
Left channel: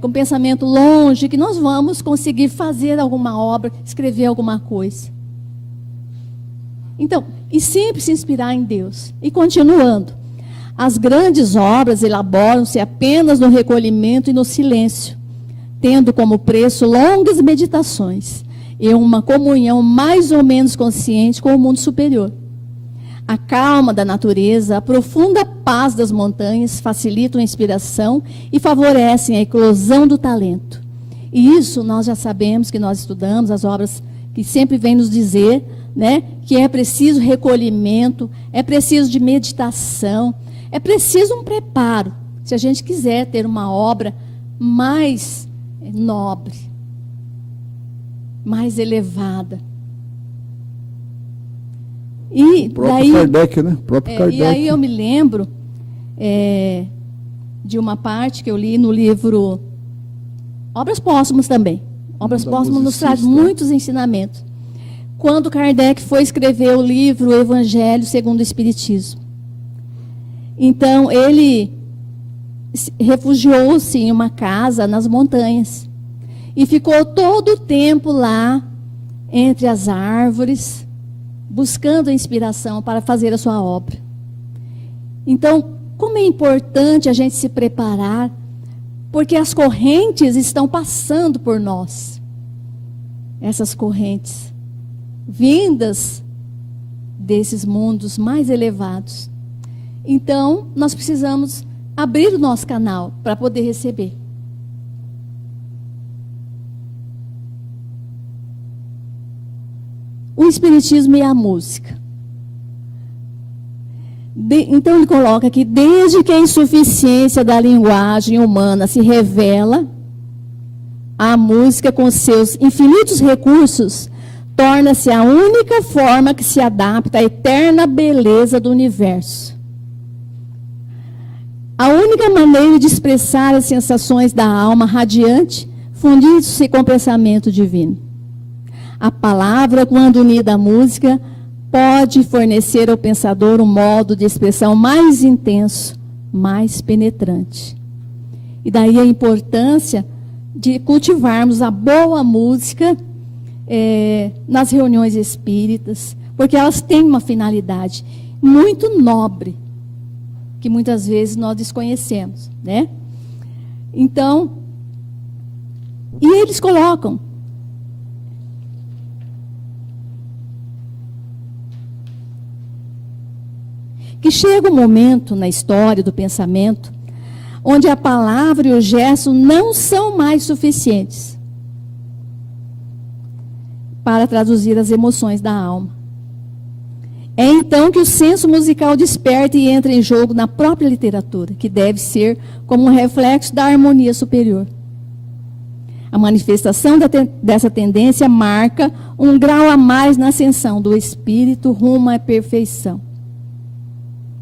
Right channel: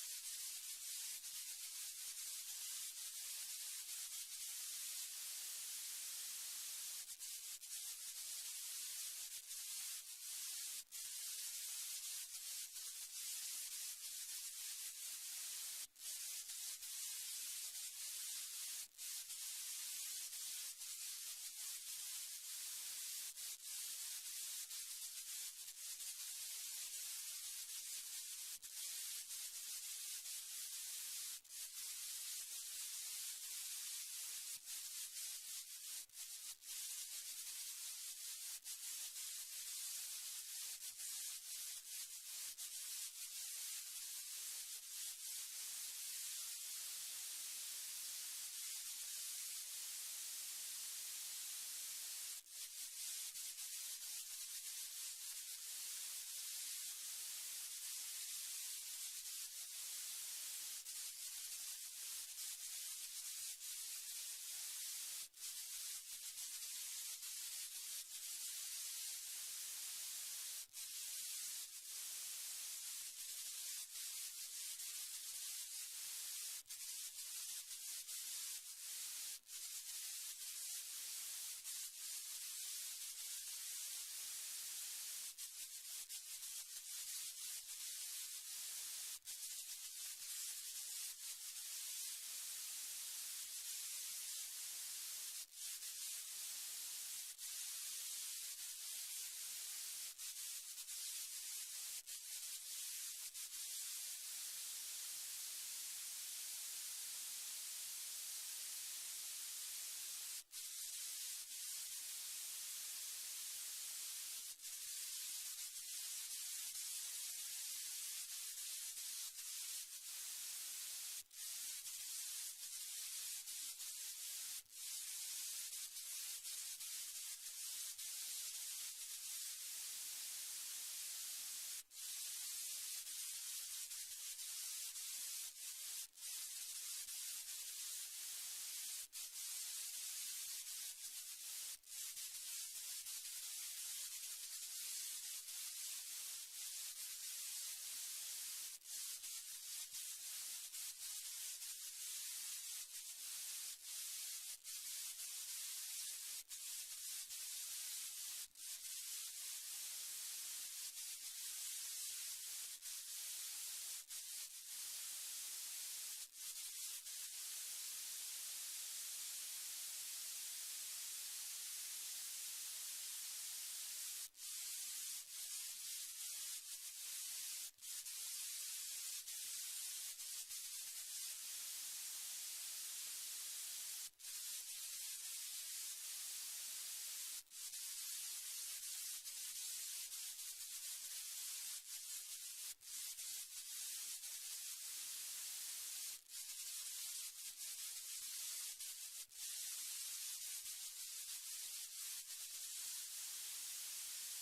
com pensamento longe, que nós vamos conseguir fazer alguma obra, escrever alguma coisa. Então, e sempre se inspirar em Deus. E continuando, as grandes obras elaboram-se apenas no recolhimento e no silêncio, tendo como preço longas meditações e uma comunhão mais ou menos consciente com o mundo superior. A calma da natureza, a profunda paz das montanhas facilitam a inspiração e favorecem a eclosão do talento. E isso nós já sabemos, que nós estudamos as obras que sempre vêm nos dizer né, que é preciso recolhimento, é preciso de meditação, é preciso um preparo, se a gente quiser ter uma obra mais nobre, mais elevada. E O próprio daí, Kardec, né? O próprio Kardec. e aí eu me lembro de uma parte que eu li no livro Obras Póstumas também. Obras Póstumas nos traz muitos ensinamentos. Quando Kardec foi escrever o livro Evangelho segundo o Espiritismo. Então, ele refugiou-se em uma casa nas montanhas. E ficou todo o tempo lá, entre as árvores, buscando a inspiração para fazer a sua obra. Então, como é importante a gente se preparar, porque as correntes estão passando por nós. Essas correntes, vindas desses mundos mais elevados. Então, nós precisamos abrir o nosso canal para poder receber. O Espiritismo e a música. Então ele coloca aqui, desde que a insuficiência da linguagem humana se revela, a música com seus infinitos recursos torna-se a única forma que se adapta à eterna beleza do universo. A única maneira de expressar as sensações da alma radiante, fundindo-se com o pensamento divino. A palavra, quando unida à música, pode fornecer ao pensador um modo de expressão mais intenso, mais penetrante. E daí a importância de cultivarmos a boa música nas reuniões espíritas, porque elas têm uma finalidade muito nobre, que muitas vezes nós desconhecemos, né? Então, e eles colocam que chega um momento na história do pensamento onde a palavra e o gesto não são mais suficientes para traduzir as emoções da alma. É então que o senso musical desperta e entra em jogo na própria literatura, que deve ser como um reflexo da harmonia superior. A manifestação dessa tendência marca um grau a mais na ascensão do espírito rumo à perfeição.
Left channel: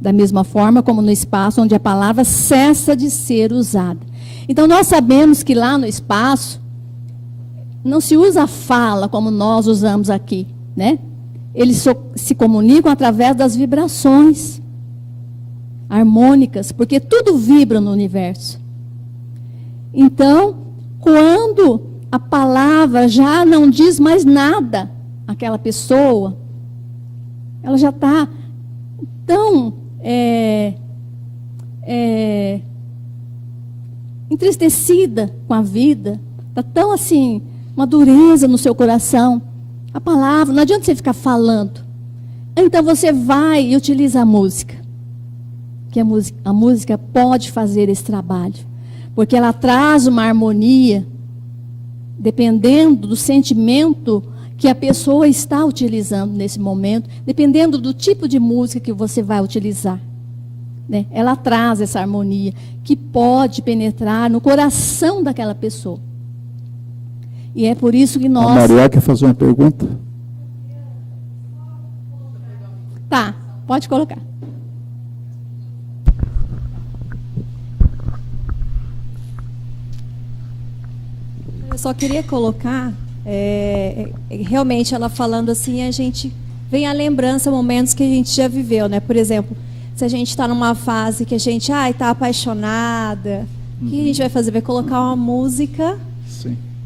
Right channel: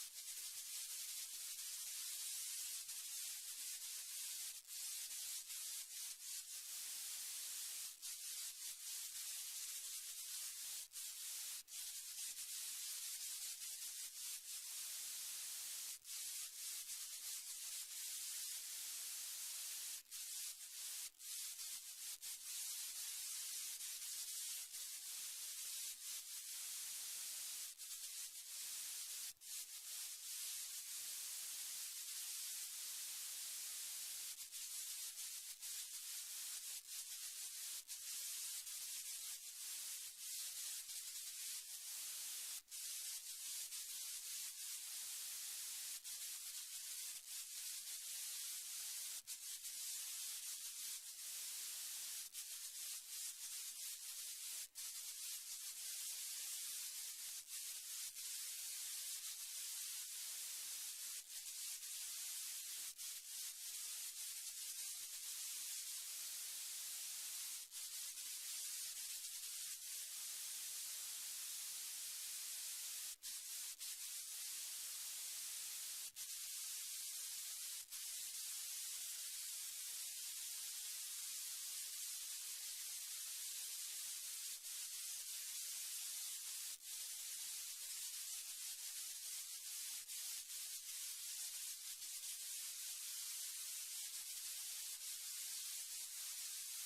Da mesma forma como no espaço onde a palavra cessa de ser usada. Então nós sabemos que lá no espaço não se usa a fala como nós usamos aqui, né? Eles se comunicam através das vibrações harmônicas, porque tudo vibra no universo. Então, quando a palavra já não diz mais nada àquela pessoa, ela já está tão entristecida com a vida, está tão assim, uma dureza no seu coração. A palavra, não adianta você ficar falando. Então você vai e utiliza a música. Que a música pode fazer esse trabalho. Porque ela traz uma harmonia, dependendo do sentimento que a pessoa está utilizando nesse momento, dependendo do tipo de música que você vai utilizar, né? Ela traz essa harmonia que pode penetrar no coração daquela pessoa. E é por isso que nós... A Maria quer fazer uma pergunta? Tá, pode colocar. Eu só queria colocar, realmente ela falando assim, a gente vem à lembrança momentos que a gente já viveu, né? Por exemplo, se a gente está numa fase que a gente está apaixonada, o que a gente vai fazer? Vai colocar uma música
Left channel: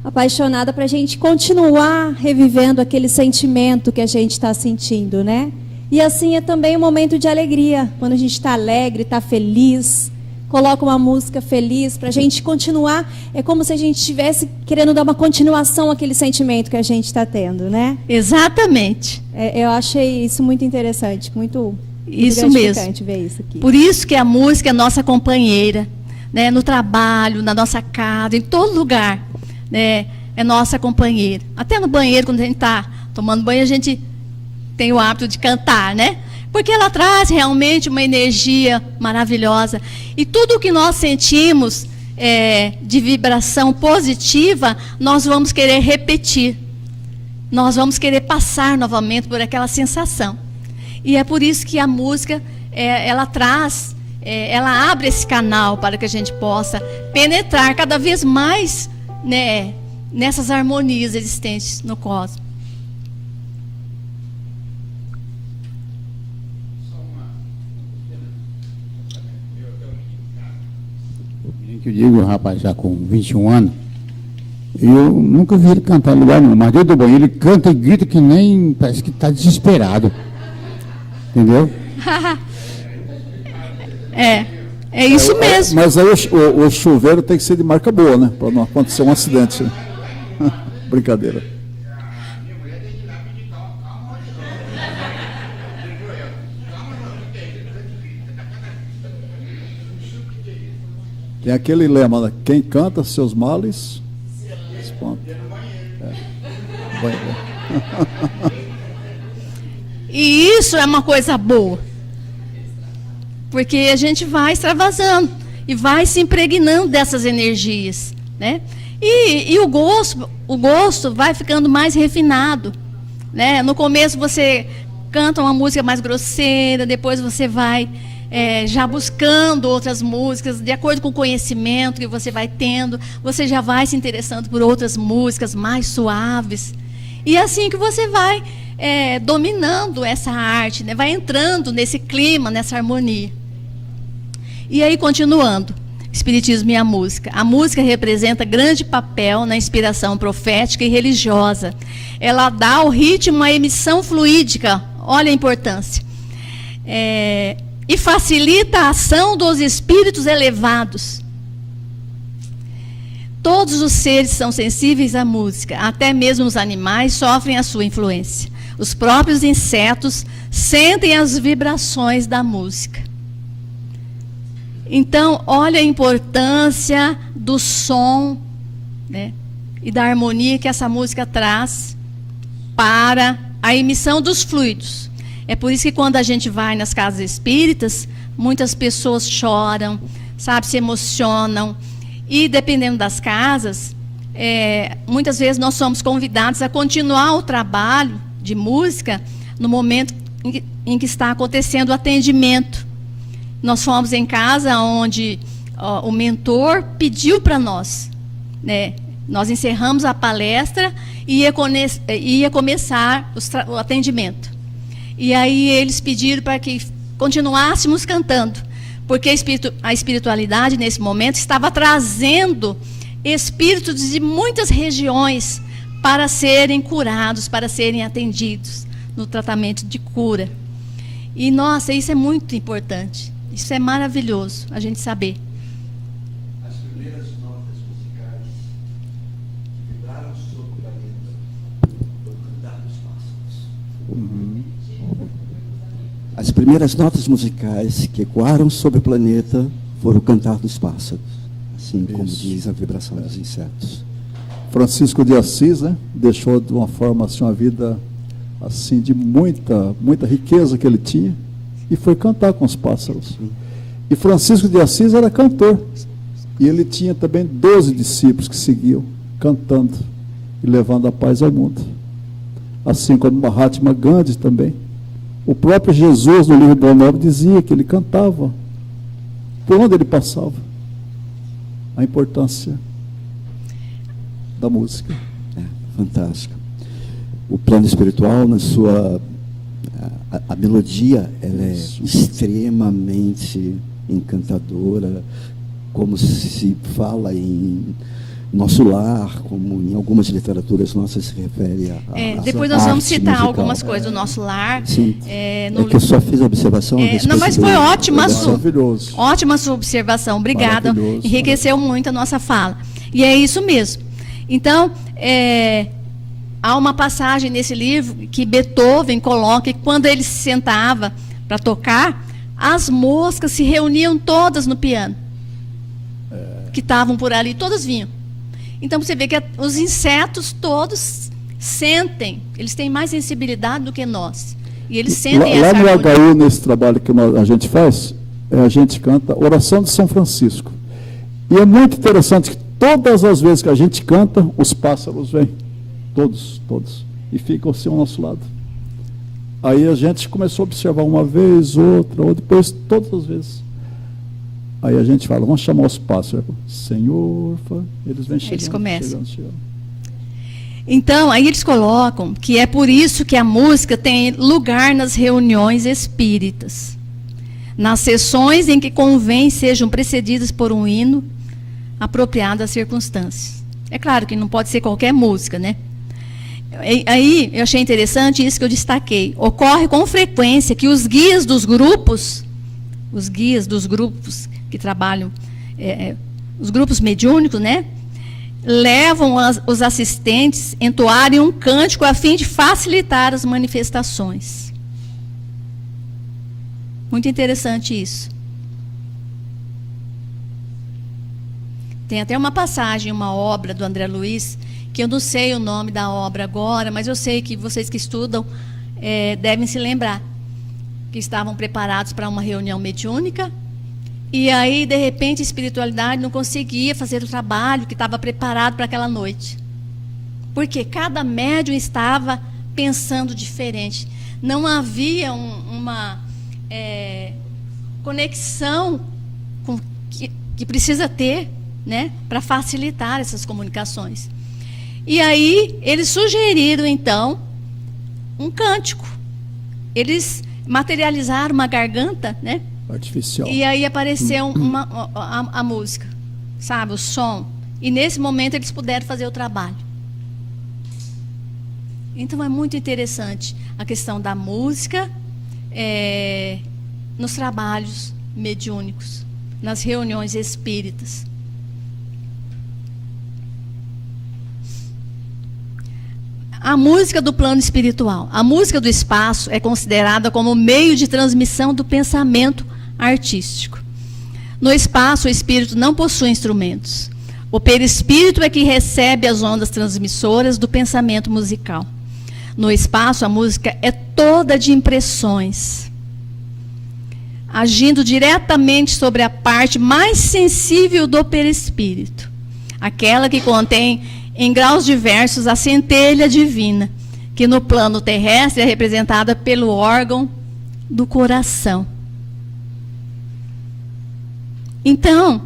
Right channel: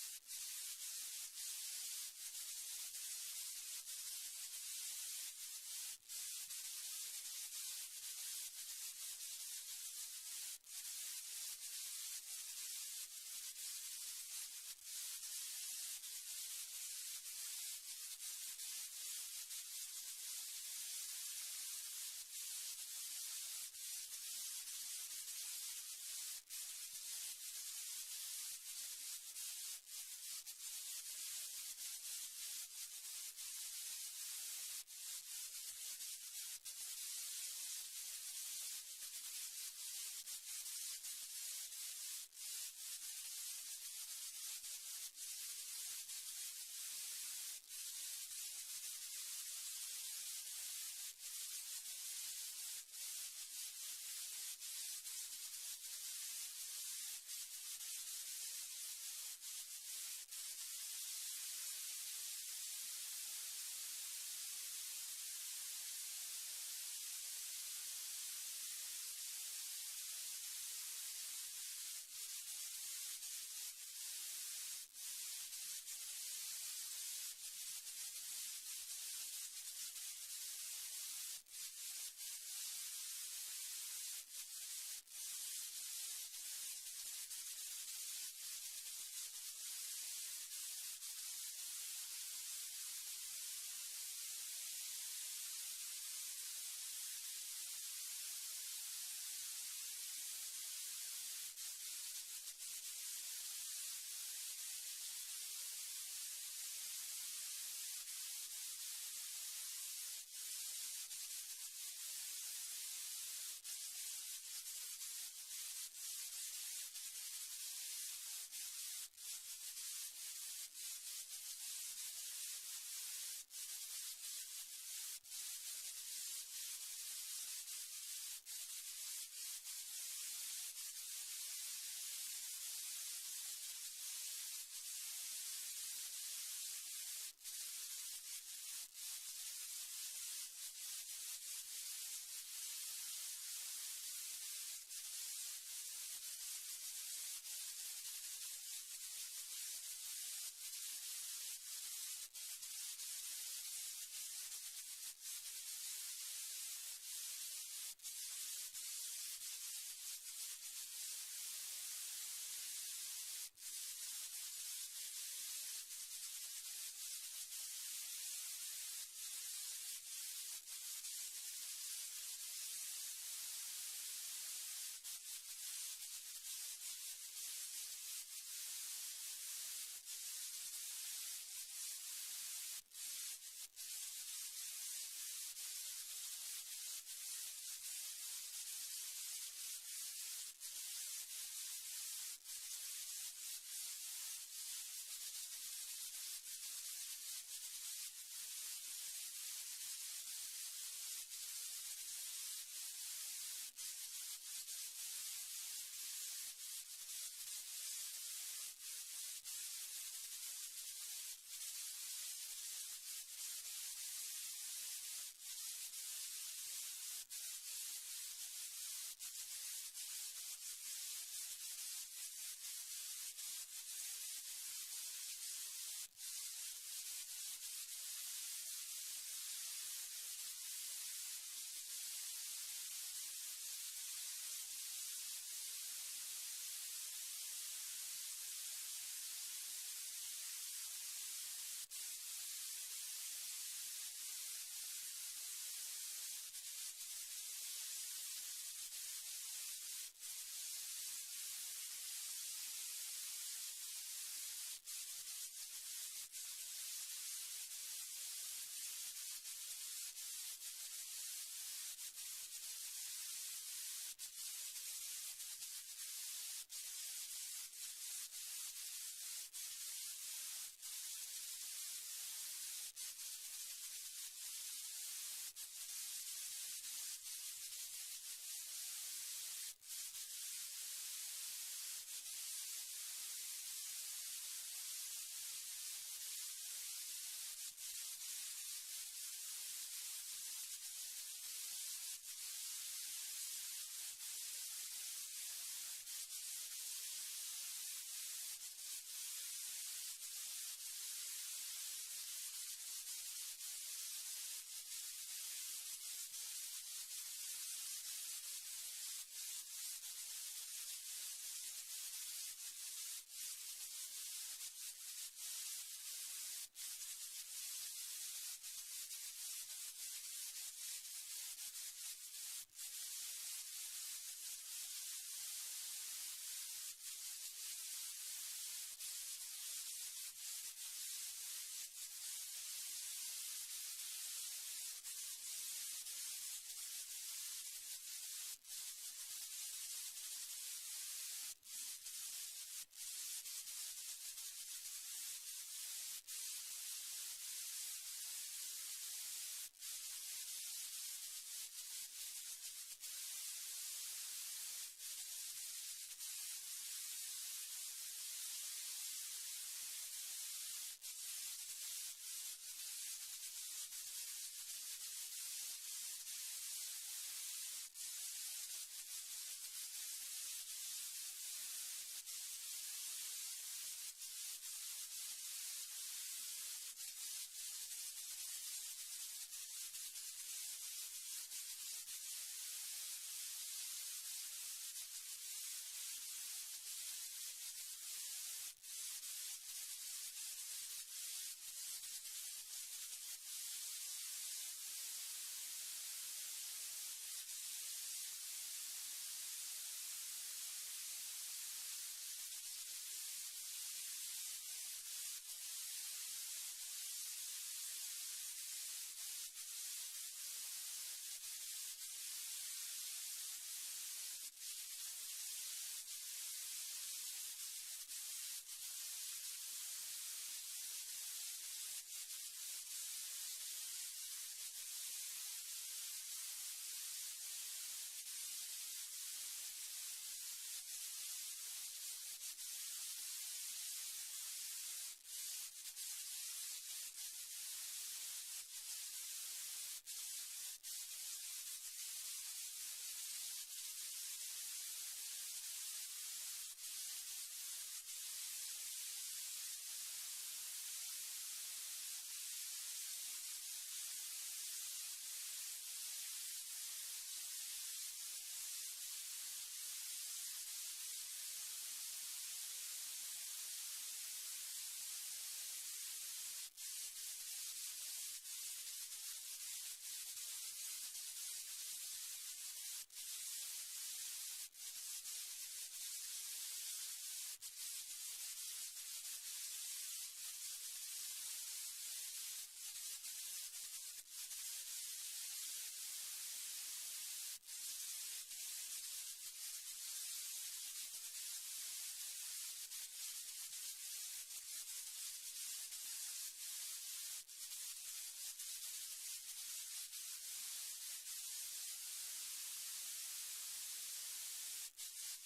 apaixonada para a gente continuar revivendo aquele sentimento que a gente está sentindo, né? E assim é também um momento de alegria, quando a gente está alegre, está feliz, coloca uma música feliz para a gente continuar, é como se a gente estivesse querendo dar uma continuação àquele sentimento que a gente está tendo, né? Exatamente. Eu achei isso muito interessante, muito isso mesmo. Ver isso aqui. Por isso que a música é nossa companheira, né? No trabalho, na nossa casa, em todo lugar, né? É nossa companheira. Até no banheiro, quando a gente está tomando banho, a gente tem o hábito de cantar, né? Porque ela traz realmente uma energia maravilhosa. E tudo o que nós sentimos de vibração positiva, nós vamos querer repetir. Nós vamos querer passar novamente por aquela sensação. E é por isso que a música, ela traz, ela abre esse canal para que a gente possa penetrar cada vez mais, né, nessas harmonias existentes no cosmos. Que eu digo, rapaz, já com 21 anos, eu nunca vi ele cantar em lugar nenhum, mas dentro do banheiro ele canta e grita que nem, parece que está desesperado. Entendeu? É isso mesmo. Mas aí o chuveiro tem que ser de marca boa, né? Para não acontecer um acidente. Brincadeira. Tem aquele lema, né? Quem canta seus males, espanta. E isso é uma coisa boa. Porque a gente vai extravasando e vai se impregnando dessas energias, né? E o gosto vai ficando mais refinado, né? No começo você canta uma música mais grosseira, depois você vai já buscando outras músicas, de acordo com o conhecimento que você vai tendo, você já vai se interessando por outras músicas mais suaves. E é assim que você vai dominando essa arte, né? Vai entrando nesse clima, nessa harmonia. E aí, continuando, Espiritismo e a música. A música representa grande papel na inspiração profética e religiosa. Ela dá ao ritmo a emissão fluídica, olha a importância. E facilita a ação dos espíritos elevados. Todos os seres são sensíveis à música, até mesmo os animais sofrem a sua influência. Os próprios insetos sentem as vibrações da música. Então, olha a importância do som, né, e da harmonia que essa música traz para a emissão dos fluidos. É por isso que quando a gente vai nas casas espíritas, muitas pessoas choram, sabe, se emocionam. E dependendo das casas, muitas vezes nós somos convidados a continuar o trabalho de música no momento em que está acontecendo o atendimento. Nós fomos em casa onde o mentor pediu para nós, né? Nós encerramos a palestra e ia começar o atendimento. E aí eles pediram para que continuássemos cantando, porque a espiritualidade nesse momento estava trazendo espíritos de muitas regiões para serem curados, para serem atendidos no tratamento de cura. E nossa, isso é muito importante. Isso é maravilhoso, a gente saber. As primeiras notas musicais vibraram sobre o planeta foi cantar dos pássaros. As primeiras notas musicais que ecoaram sobre o planeta foram o cantar dos pássaros, assim como diz a vibração dos insetos. Francisco de Assis, né, deixou de uma forma assim uma vida assim de muita riqueza que ele tinha. E foi cantar com os pássaros. E Francisco de Assis era cantor. E ele tinha também 12 discípulos que seguiam, cantando e levando a paz ao mundo. Assim como Mahatma Gandhi também. O próprio Jesus, no livro do Novo, dizia que ele cantava por onde ele passava. A importância da música. Fantástico. O plano espiritual, na sua... A melodia, ela é extremamente encantadora, como se fala em nosso lar, como em algumas literaturas nossas se refere a depois nós vamos citar musical. algumas coisas do nosso lar. Sim, que eu só fiz a observação a respeito não, mas foi ótima Maravilhoso. a sua observação, obrigada, enriqueceu muito a nossa fala. E é isso mesmo. Então, há uma passagem nesse livro que Beethoven coloca que quando ele se sentava para tocar, as moscas se reuniam todas no piano, que estavam por ali, todas vinham. Então você vê que os insetos todos sentem, eles têm mais sensibilidade do que nós. E eles sentem Lá essa no harmonia. HU, nesse trabalho que a gente faz, a gente canta Oração de São Francisco. E é muito interessante que todas as vezes que a gente canta, os pássaros vêm. Todos. E ficam assim ao nosso lado. Aí a gente começou a observar uma vez, outra, ou depois todas as vezes. Aí a gente fala, vamos chamar os pássaros. Senhor, eles vêm chegando. Eles começam. Chegando. Então, aí eles colocam que é por isso que a música tem lugar nas reuniões espíritas. Nas sessões em que convém sejam precedidas por um hino apropriado às circunstâncias. É claro que não pode ser qualquer música, né? Aí eu achei interessante isso que eu destaquei. Ocorre com frequência que os guias dos grupos que trabalham, os grupos mediúnicos, né? Levam os assistentes a entoarem um cântico a fim de facilitar as manifestações. Muito interessante isso. Tem até uma passagem, uma obra do André Luiz, que eu não sei o nome da obra agora, mas eu sei que vocês que estudam devem se lembrar, que estavam preparados para uma reunião mediúnica, e aí, de repente, a espiritualidade não conseguia fazer o trabalho que estava preparado para aquela noite. Porque cada médium estava pensando diferente. Não havia uma conexão que precisa ter, né, para facilitar essas comunicações. E aí, eles sugeriram, então, um cântico. Eles materializaram uma garganta, né? Artificial. E aí apareceu a música, sabe, o som. E nesse momento eles puderam fazer o trabalho. Então é muito interessante a questão da música nos trabalhos mediúnicos, nas reuniões espíritas. A música do plano espiritual. A música do espaço é considerada como meio de transmissão do pensamento artístico. No espaço, o espírito não possui instrumentos. O perispírito é que recebe as ondas transmissoras do pensamento musical. No espaço, a música é toda de impressões, agindo diretamente sobre a parte mais sensível do perispírito, aquela que contém em graus diversos a centelha divina, que no plano terrestre é representada pelo órgão do coração. Então,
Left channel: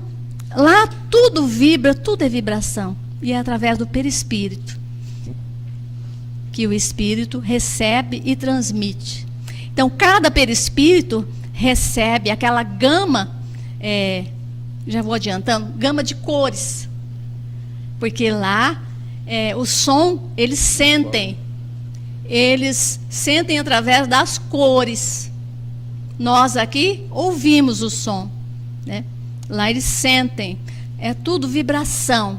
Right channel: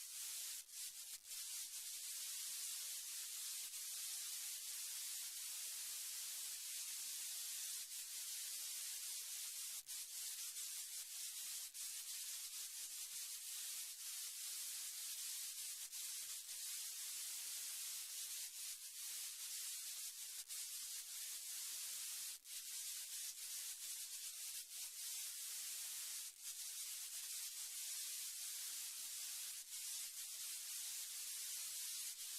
lá tudo vibra, tudo é vibração, e é através do perispírito que o espírito recebe e transmite. Então, cada perispírito recebe aquela gama, já vou adiantando, gama de cores. Porque lá, o som, eles sentem através das cores. Nós aqui ouvimos o som, né? Lá eles sentem, é tudo vibração.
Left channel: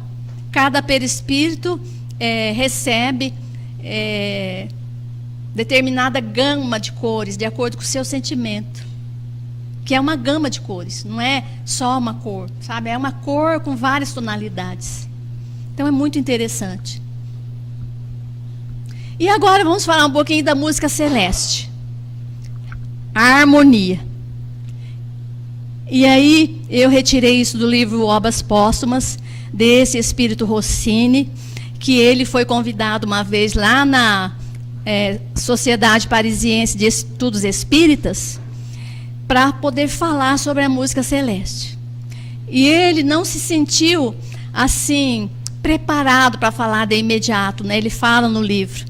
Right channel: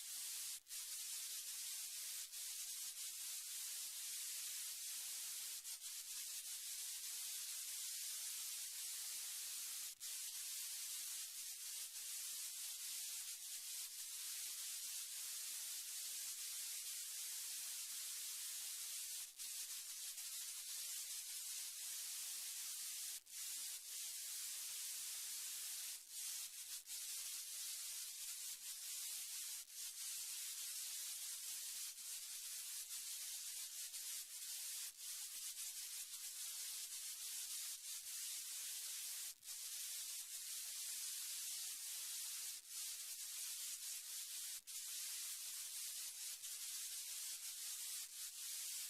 Cada perispírito recebe determinada gama de cores, de acordo com o seu sentimento. Que é uma gama de cores, não é só uma cor, sabe? É uma cor com várias tonalidades. Então é muito interessante. E agora vamos falar um pouquinho da música celeste. A harmonia. E aí eu retirei isso do livro Obras Póstumas, desse Espírito Rossini, que ele foi convidado uma vez lá na Sociedade Parisiense de Estudos Espíritas, para poder falar sobre a música celeste. E ele não se sentiu assim preparado para falar de imediato, né? Ele fala no livro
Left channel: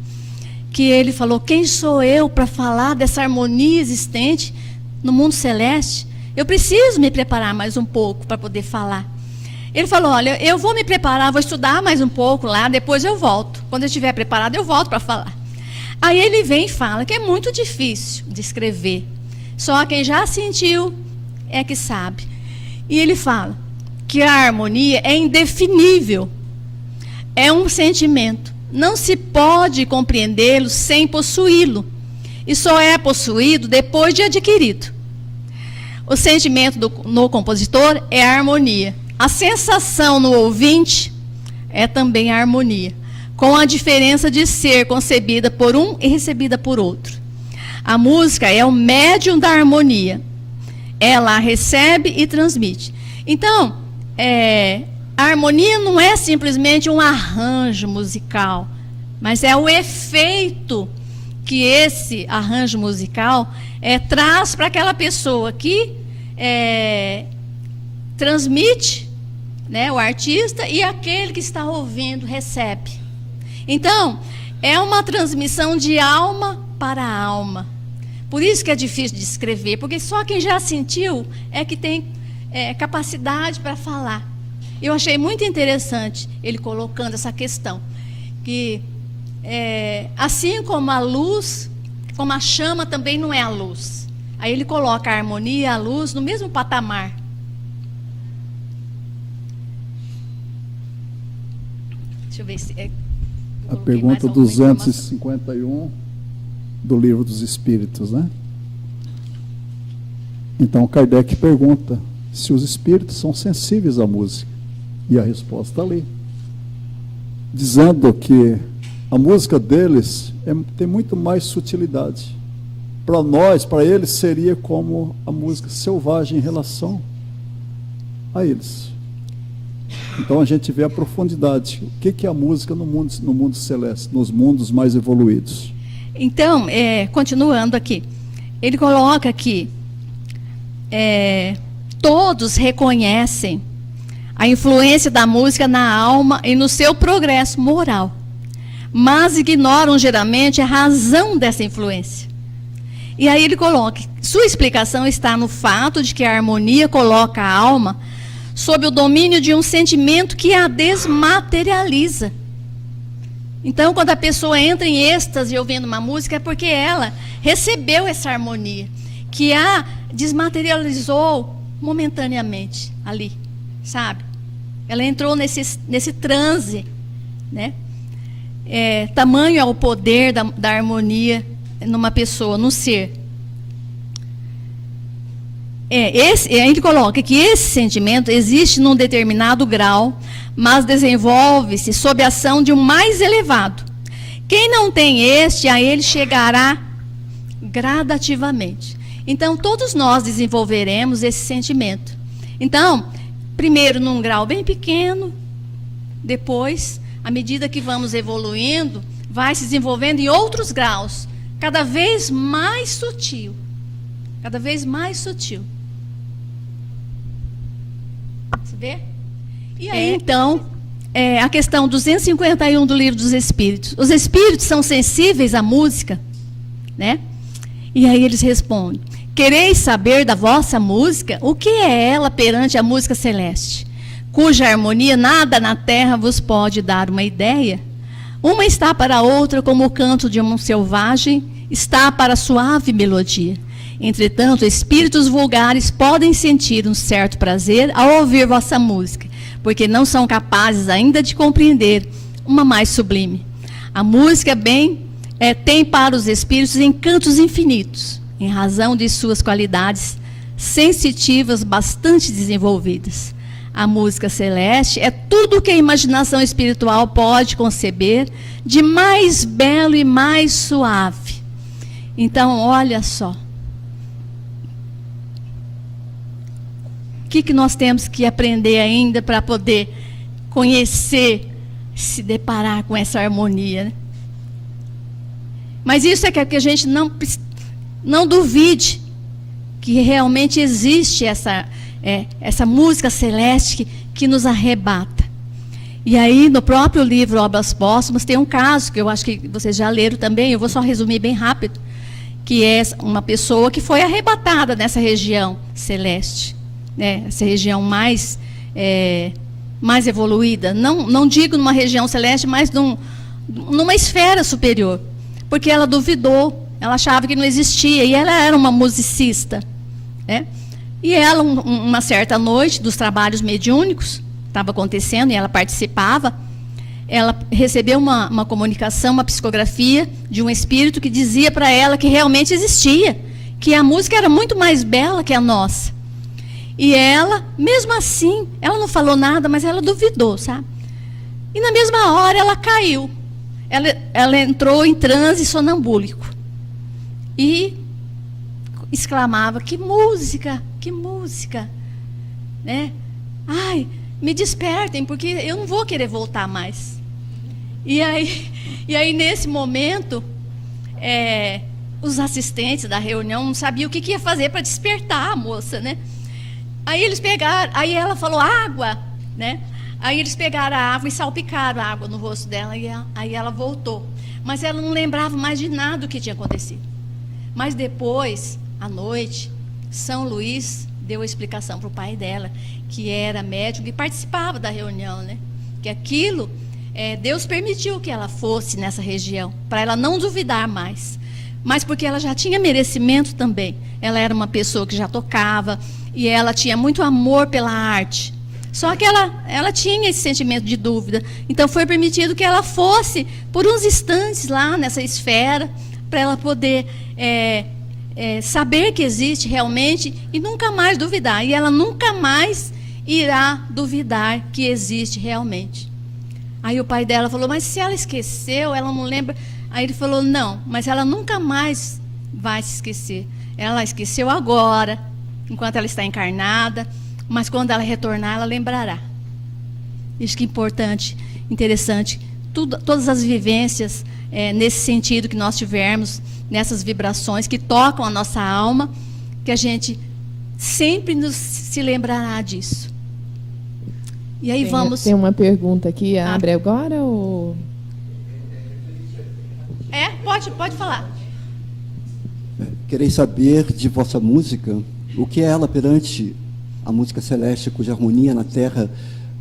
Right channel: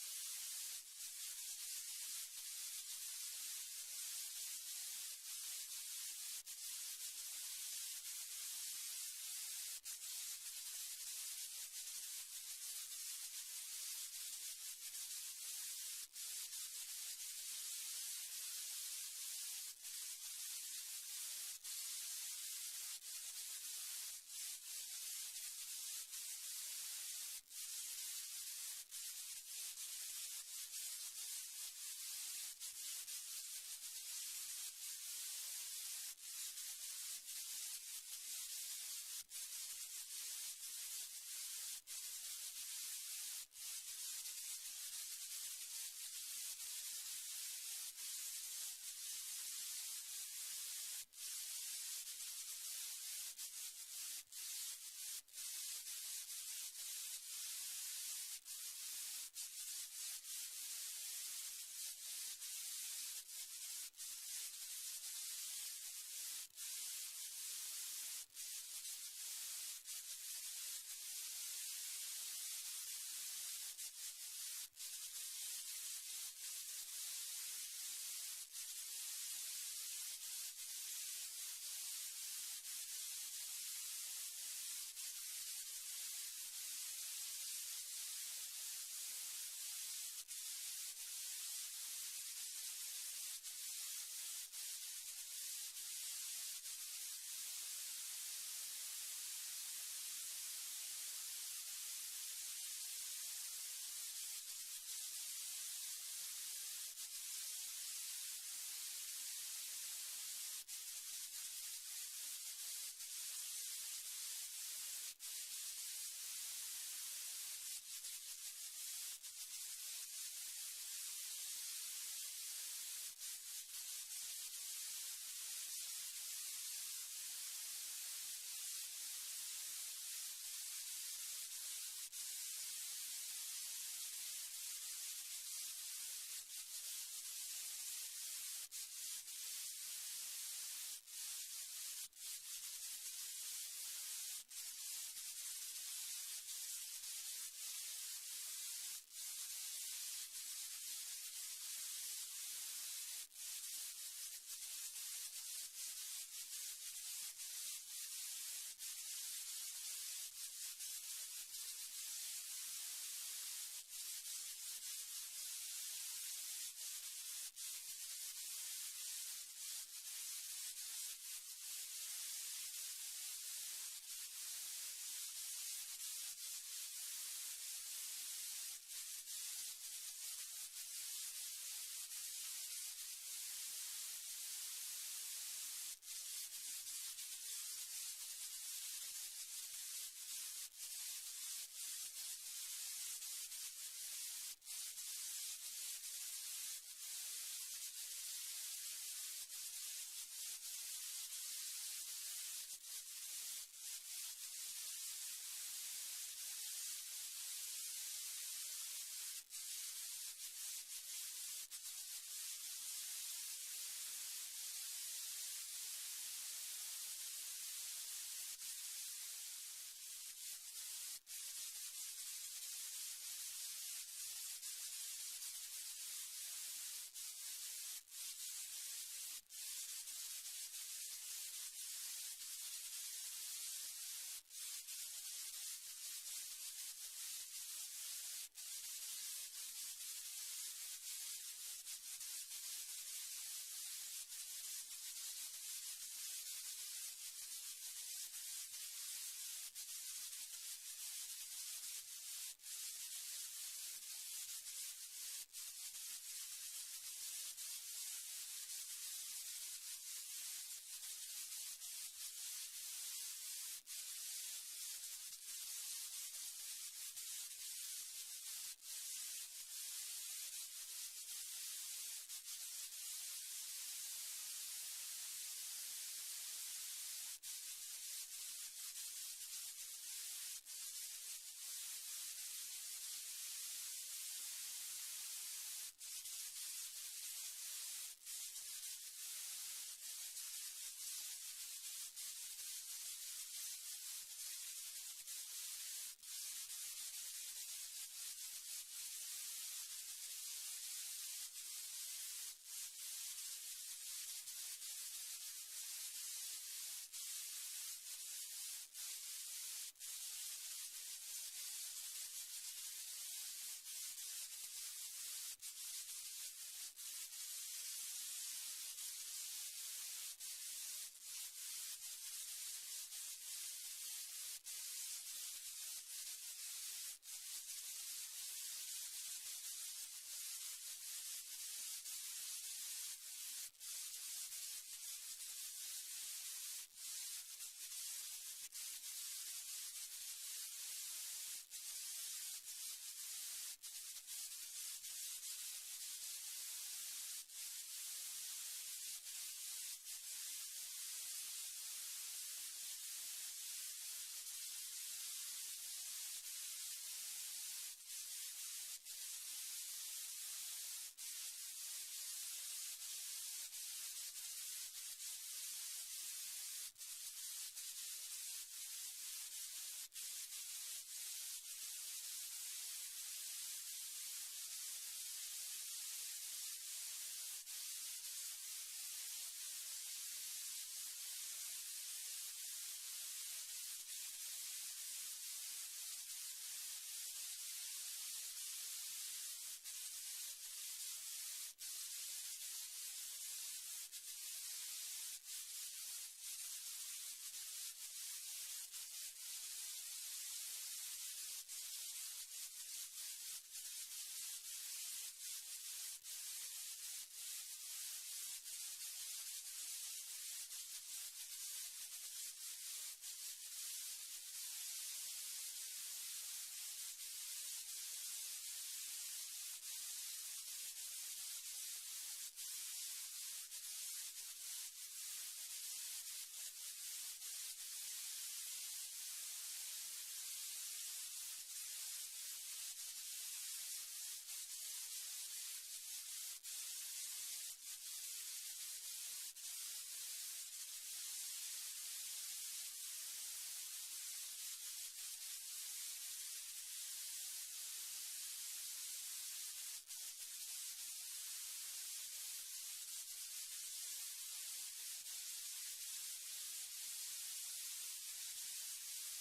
que ele falou: quem sou eu para falar dessa harmonia existente no mundo celeste? Eu preciso me preparar mais um pouco para poder falar. Ele falou: olha, eu vou me preparar, vou estudar mais um pouco lá, depois eu volto. Quando eu estiver preparado, eu volto para falar. Aí ele vem e fala que é muito difícil de escrever. Só quem já sentiu é que sabe. E ele fala que a harmonia é indefinível. É um sentimento. Não se pode compreendê-lo sem possuí-lo. E só é possuído depois de adquirido. O sentimento no compositor é a harmonia. A sensação no ouvinte é também a harmonia, com a diferença de ser concebida por um e recebida por outro. A música é o médium da harmonia. Ela recebe e transmite. Então, a harmonia não é simplesmente um arranjo musical, mas é o efeito que esse arranjo musical traz para aquela pessoa que transmite, né, o artista, e aquele que está ouvindo recebe. Então, é uma transmissão de alma para alma. Por isso que é difícil de escrever, porque só quem já sentiu é que tem capacidade para falar. Eu achei muito interessante ele colocando essa questão, que assim como a luz, como a chama também não é a luz. Aí ele coloca a harmonia e a luz no mesmo patamar. Deixa eu ver se... A pergunta 251 do Livro dos Espíritos, né? Então, Kardec pergunta se os espíritos são sensíveis à música. E a resposta está ali. Dizendo que a música deles tem muito mais sutilidade. Para nós, para eles, seria como a música selvagem em relação a eles. Então a gente vê a profundidade. O que é a música no mundo celeste, nos mundos mais evoluídos? Então, continuando aqui, ele coloca que todos reconhecem a influência da música na alma e no seu progresso moral, mas ignoram geralmente a razão dessa influência. E aí ele coloca, sua explicação está no fato de que a harmonia coloca a alma sob o domínio de um sentimento que a desmaterializa. Então, quando a pessoa entra em êxtase ouvindo uma música, é porque ela recebeu essa harmonia, que a desmaterializou momentaneamente ali, sabe? Ela entrou nesse transe, né? Tamanho é o poder da harmonia numa pessoa, no ser. Ele coloca que esse sentimento existe num determinado grau, mas desenvolve-se sob a ação de um mais elevado. Quem não tem este, a ele chegará gradativamente. Então, todos nós desenvolveremos esse sentimento. Então, primeiro num grau bem pequeno, depois, à medida que vamos evoluindo, vai se desenvolvendo em outros graus, cada vez mais sutil. Cada vez mais sutil. Você vê? E aí, então, a questão 251 do Livro dos Espíritos. Os espíritos são sensíveis à música, né? E aí eles respondem: quereis saber da vossa música? O que é ela perante a música celeste? Cuja harmonia nada na terra vos pode dar uma ideia? Uma está para a outra como o canto de um selvagem está para a suave melodia. Entretanto, espíritos vulgares podem sentir um certo prazer ao ouvir vossa música, porque não são capazes ainda de compreender uma mais sublime. A música tem para os espíritos encantos infinitos, em razão de suas qualidades sensitivas bastante desenvolvidas. A música celeste é tudo o que a imaginação espiritual pode conceber de mais belo e mais suave. Então, olha só. O que nós temos que aprender ainda para poder conhecer, se deparar com essa harmonia, né? Mas isso é que a gente não duvide que realmente existe essa música celeste que nos arrebata. E aí, no próprio livro Obras Póstumas, tem um caso que eu acho que vocês já leram também, eu vou só resumir bem rápido, que é uma pessoa que foi arrebatada nessa região celeste. Essa região mais evoluída, não digo numa região celeste, mas numa esfera superior, porque ela duvidou, ela achava que não existia, e ela era uma musicista, né? E ela, uma certa noite dos trabalhos mediúnicos, estava acontecendo, e ela participava, ela recebeu uma comunicação, uma psicografia de um espírito que dizia para ela que realmente existia, que a música era muito mais bela que a nossa. E ela, mesmo assim, ela não falou nada, mas ela duvidou, sabe? E na mesma hora ela caiu. Ela entrou em transe sonambúlico. e exclamava: que música, né? Ai, me despertem, porque eu não vou querer voltar mais. E aí nesse momento, os assistentes da reunião não sabiam o que ia fazer para despertar a moça, né? Aí ela falou: água, né? Aí eles pegaram a água e salpicaram a água no rosto dela, e aí ela voltou. Mas ela não lembrava mais de nada do que tinha acontecido. Mas depois, à noite, São Luís deu a explicação para o pai dela, que era médico e participava da reunião, né? Que aquilo, Deus permitiu que ela fosse nessa região, para ela não duvidar mais. Mas porque ela já tinha merecimento também. Ela era uma pessoa que já tocava, e ela tinha muito amor pela arte. Só que ela tinha esse sentimento de dúvida. Então foi permitido que ela fosse por uns instantes lá nessa esfera, para ela poder saber que existe realmente e nunca mais duvidar. E ela nunca mais irá duvidar que existe realmente. Aí o pai dela falou: mas se ela esqueceu, ela não lembra. Aí ele falou: não, mas ela nunca mais vai se esquecer. Ela esqueceu agora, enquanto ela está encarnada, mas quando ela retornar, ela lembrará. Isso que é importante, interessante. Todas as vivências nesse sentido que nós tivermos, nessas vibrações que tocam a nossa alma, que a gente sempre se lembrará disso. E aí Tem uma pergunta aqui, abre agora ou... Pode falar. Quereis saber de vossa música, o que é ela perante a música celeste, cuja harmonia na terra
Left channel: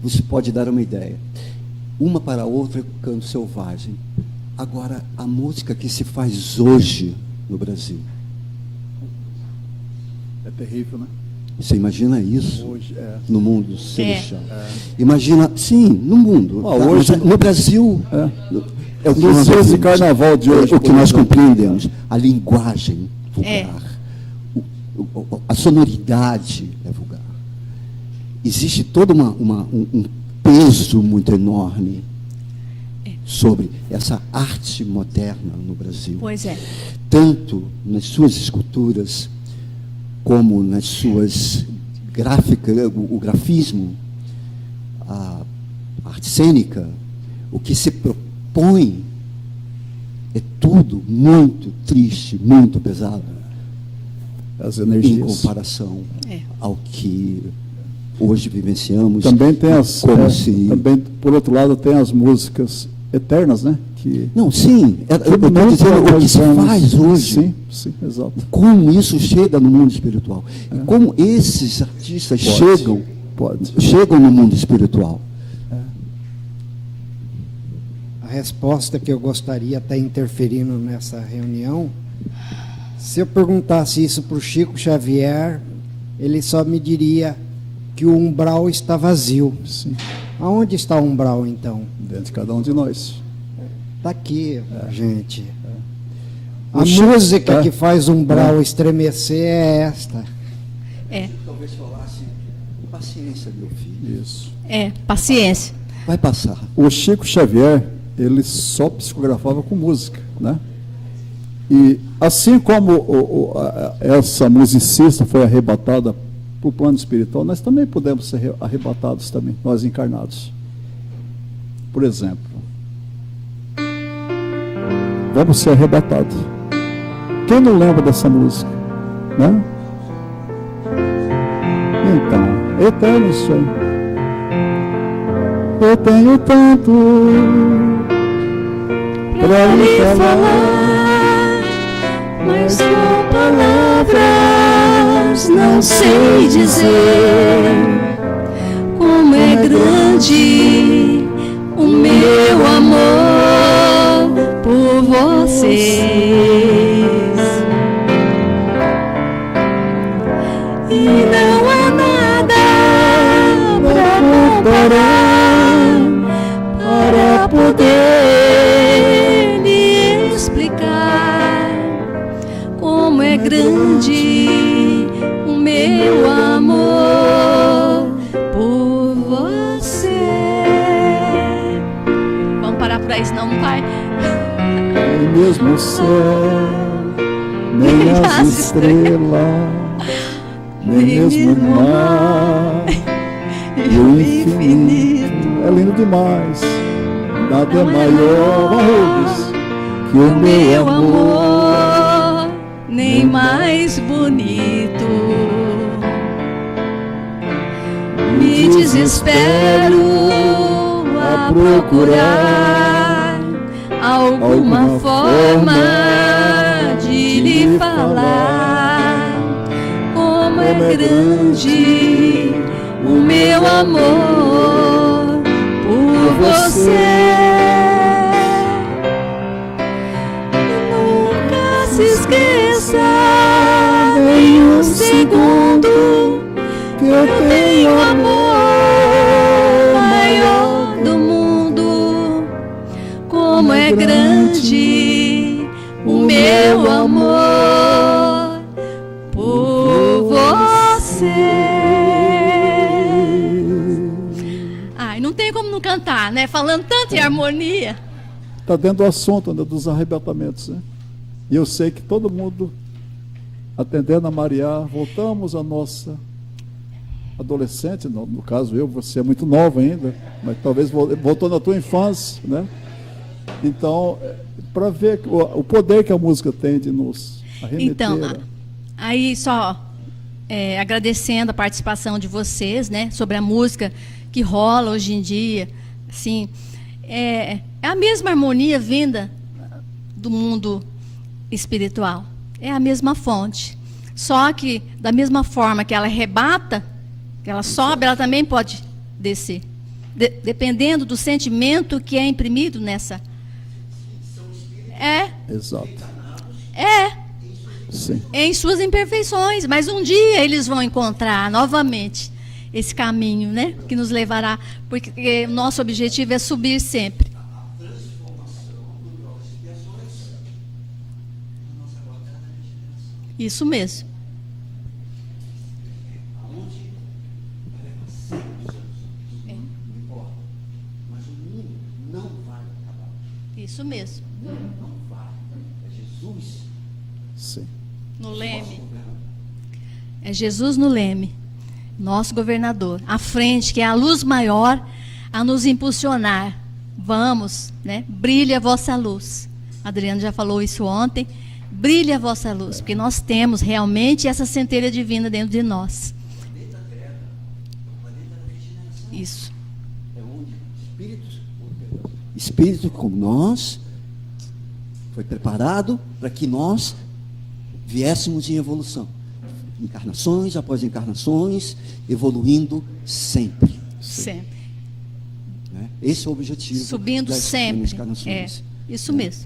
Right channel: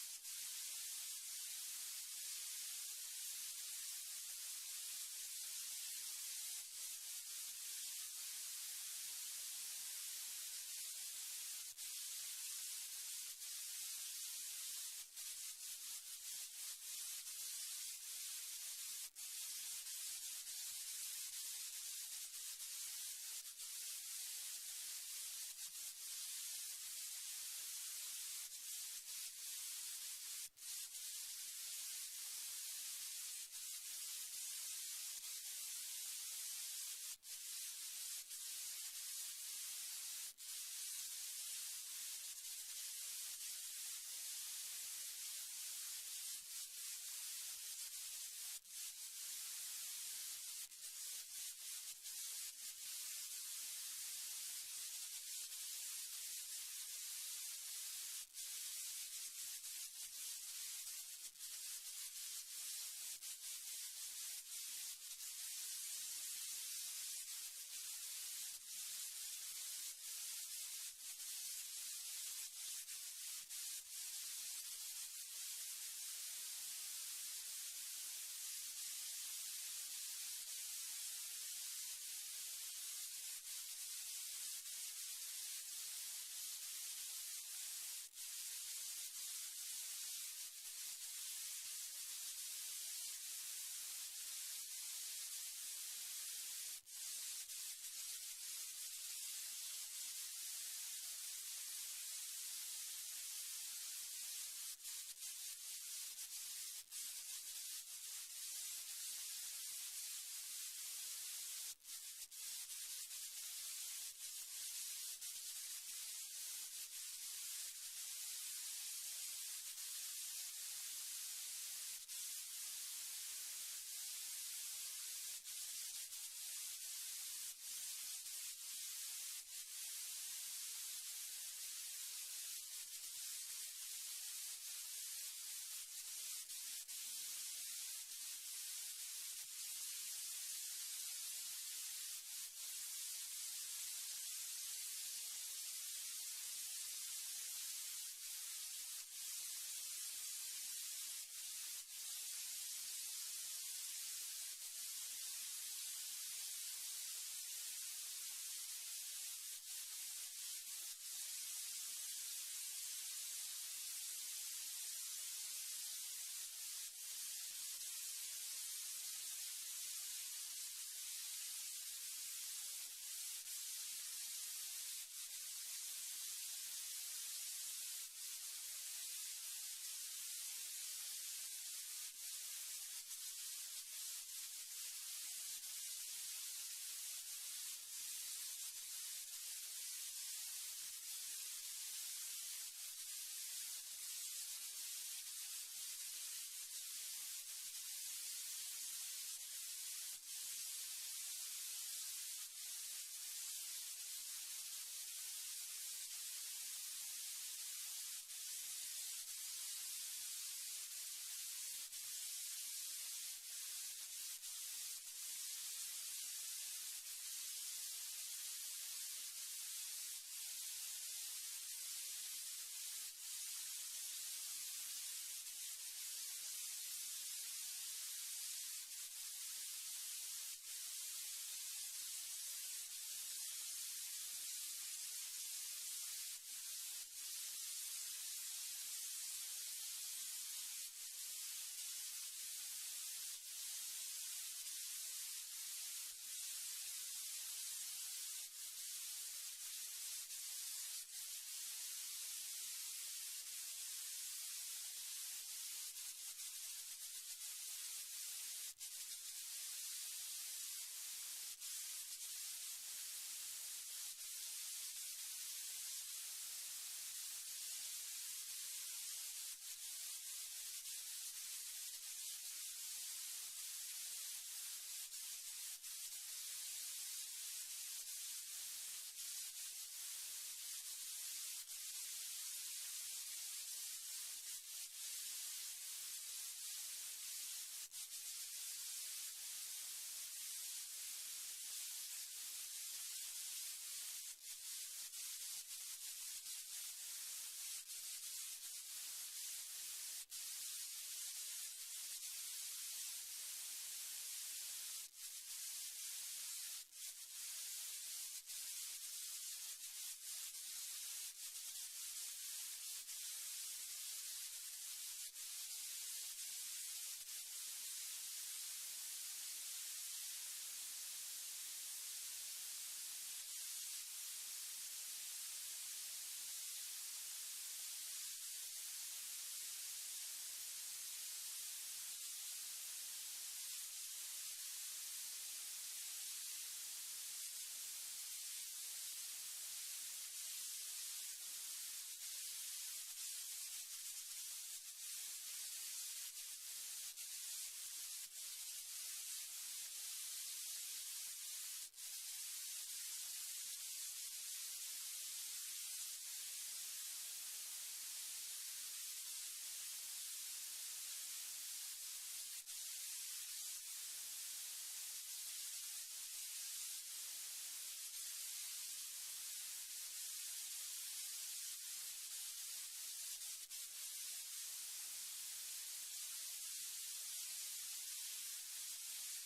você pode dar uma ideia. Uma para a outra, canto selvagem. Agora, a música que se faz hoje no Brasil. É terrível, né? Você imagina isso Hoje, no mundo celestial? Imagina, sim, no mundo. Hoje, no Brasil, é o que nos nós dias de carnaval de hoje, o que nós compreendemos. A linguagem vulgar, a sonoridade é vulgar. Existe todo um peso muito enorme sobre essa arte moderna no Brasil. Pois é. Tanto nas suas esculturas, como nas suas gráficas, o grafismo, a arte cênica, o que se propõe é tudo muito triste, muito pesado, as em energias. comparação ao que hoje vivenciamos. Também tem também, por outro lado, tem as músicas eternas, né? Não, sim, eu estou dizendo o que se faz hoje. Sim, exato. Como isso chega no mundo espiritual. Como esses artistas chegam no mundo espiritual. A resposta que eu gostaria, até interferindo nessa reunião, se eu perguntasse isso para o Chico Xavier, ele só me diria que o umbral está vazio. Sim. Aonde está o umbral, então? Dentro de cada um de nós. Está aqui, gente. O A Chico, música que faz o umbral estremecer é esta. Talvez falasse, paciência, meu filho. Isso. Paciência. Vai passar. O Chico Xavier, ele só psicografava com música, né? E assim como essa musicista foi arrebatada para o plano espiritual, nós também podemos ser arrebatados também, nós encarnados. Por exemplo, vamos ser arrebatados. Quem não lembra dessa música, né? Então, eterno isso aí. Eu tenho tanto para lhe falar, mas com palavras não sei dizer como é grande o meu amor por vocês. E não há nada para comparar, para poder lhe explicar como é grande o meu amor por você. Vamos parar por aí, senão não vai. nem mesmo o céu, nem das estrelas, nem mesmo o mar e o infinito. É lindo demais. Nada é maior, Rubens, que o meu amor, nem mais bonito. Me desespero a procurar alguma forma de lhe falar como é grande o meu amor por você. Nunca se esqueça nem um segundo que eu tenho o amor maior do mundo. Como é grande o meu amor por você. Ai, não tem como não cantar, né? Falando tanto em harmonia. Está dentro do assunto, né, dos arrebatamentos, né? E eu sei que todo mundo, atendendo a Maria, voltamos à nossa adolescente, no caso eu, você é muito nova ainda, mas talvez voltou na tua infância, né? Então, para ver o poder que a música tem de nos arremeter. Então, aí só agradecendo a participação de vocês, né, sobre a música que rola hoje em dia, assim, é a mesma harmonia vinda do mundo espiritual, é a mesma fonte, só que da mesma forma que ela arrebata, que ela sobe, ela também pode descer, dependendo do sentimento que é imprimido nessa. Exato. Sim. Em suas imperfeições, mas um dia eles vão encontrar novamente esse caminho, né, que nos levará, porque o nosso objetivo é subir sempre. Isso mesmo. Isso mesmo. Sim. No Leme. É Jesus no Leme, nosso governador. À frente, que é a luz maior a nos impulsionar. Vamos, né? Brilha a vossa luz. Adriano já falou isso ontem. Brilha a vossa luz, porque nós temos realmente essa centelha divina dentro de nós. Isso. Espírito como nós foi preparado para que nós viéssemos em evolução. Encarnações após encarnações, evoluindo sempre. Sempre. Né? Esse é o objetivo. Subindo das sempre. encarnações. Isso mesmo.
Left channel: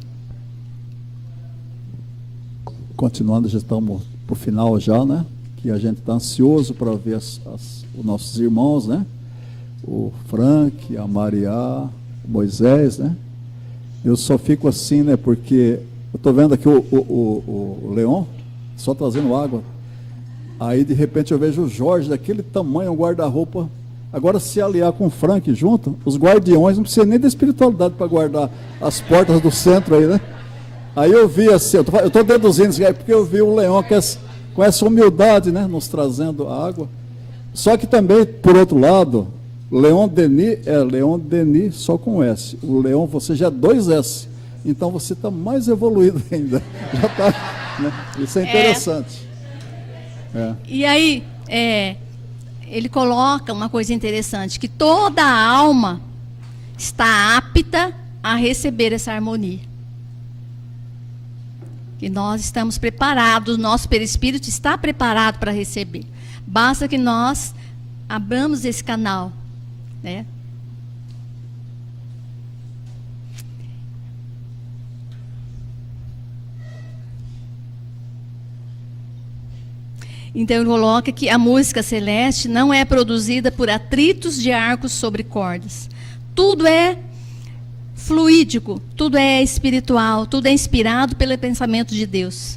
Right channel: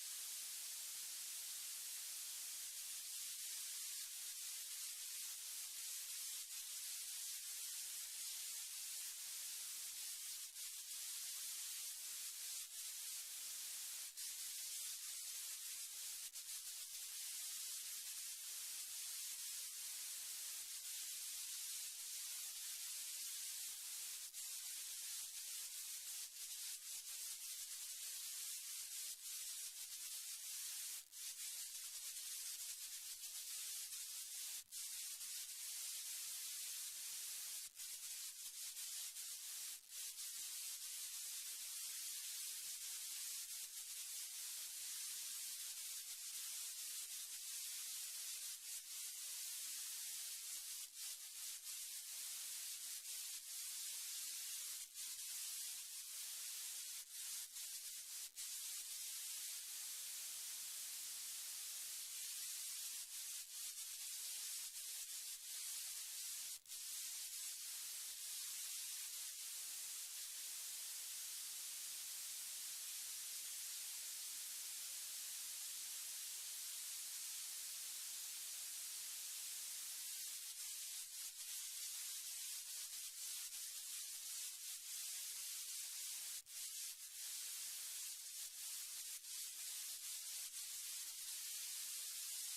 Continuando, já estamos para o final já, né? Que a gente está ansioso para ver os nossos irmãos, né? O Frank, a Maria, o Moisés, né? Eu só fico assim, né? Porque eu estou vendo aqui o Leon só trazendo água. Aí, de repente, eu vejo o Jorge daquele tamanho, um guarda-roupa. Agora, se aliar com o Frank junto, os guardiões não precisam nem da espiritualidade para guardar as portas do centro aí, né? Aí eu vi assim, eu estou deduzindo isso aí, porque eu vi o Leon com essa humildade, né? Nos trazendo água. Só que também, por outro lado, Leon Denis só com S. O Leon, você já é 2S. Então você está mais evoluído ainda. Já está, né? Isso é interessante. E aí, ele coloca uma coisa interessante, que toda a alma está apta a receber essa harmonia. E nós estamos preparados, o nosso perispírito está preparado para receber. Basta que nós abramos esse canal, né? Então ele coloca que a música celeste não é produzida por atritos de arcos sobre cordas. Tudo é fluídico, tudo é espiritual, tudo é inspirado pelo pensamento de Deus.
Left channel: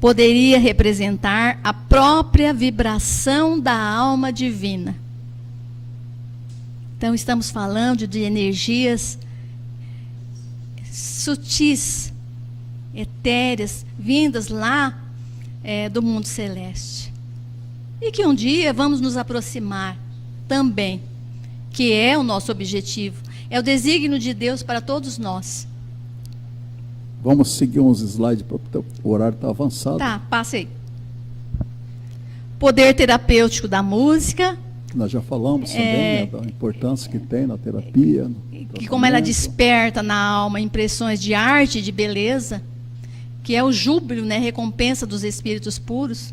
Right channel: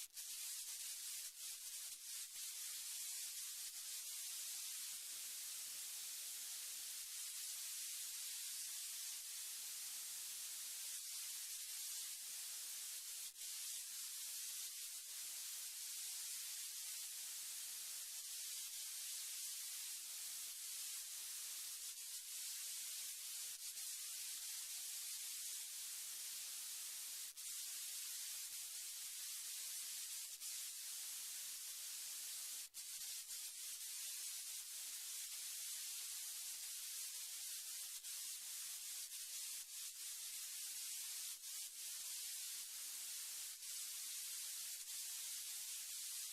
Poderia representar a própria vibração da alma divina. Então estamos falando de energias sutis, etéreas, vindas lá do mundo celeste. E que um dia vamos nos aproximar também, que é o nosso objetivo, é o desígnio de Deus para todos nós. Vamos seguir uns slides, porque o horário está avançado. Tá, passa aí. Poder terapêutico da música, Nós já falamos também, né, da importância que tem na terapia. no que como ela tratamento. desperta na alma impressões de arte e de beleza, que é o júbilo, né, recompensa dos espíritos puros,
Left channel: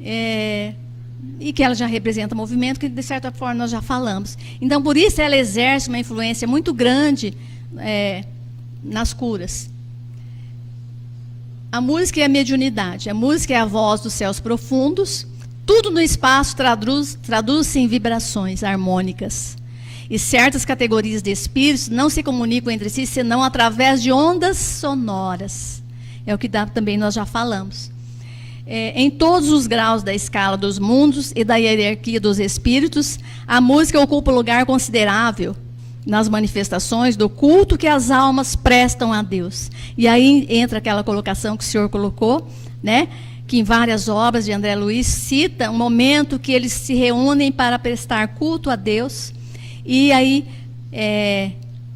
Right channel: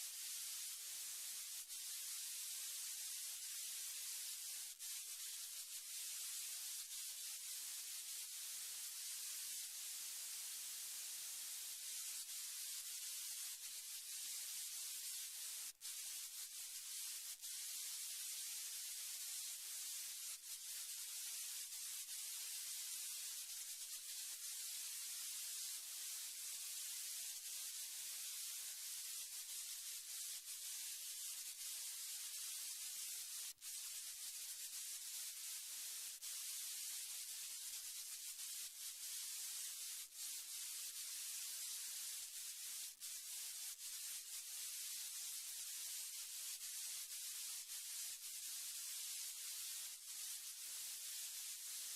e que ela já representa movimento, que de certa forma nós já falamos. Então, por isso ela exerce uma influência muito grande nas curas. A música é a mediunidade, a música é a voz dos céus profundos, tudo no espaço traduz-se em vibrações harmônicas. E certas categorias de espíritos não se comunicam entre si senão através de ondas sonoras. É o que também nós já falamos. Em todos os graus da escala dos mundos e da hierarquia dos espíritos, a música ocupa um lugar considerável nas manifestações do culto que as almas prestam a Deus. E aí entra aquela colocação que o senhor colocou, né? Que em várias obras de André Luiz cita um momento que eles se reúnem para prestar culto a Deus. E aí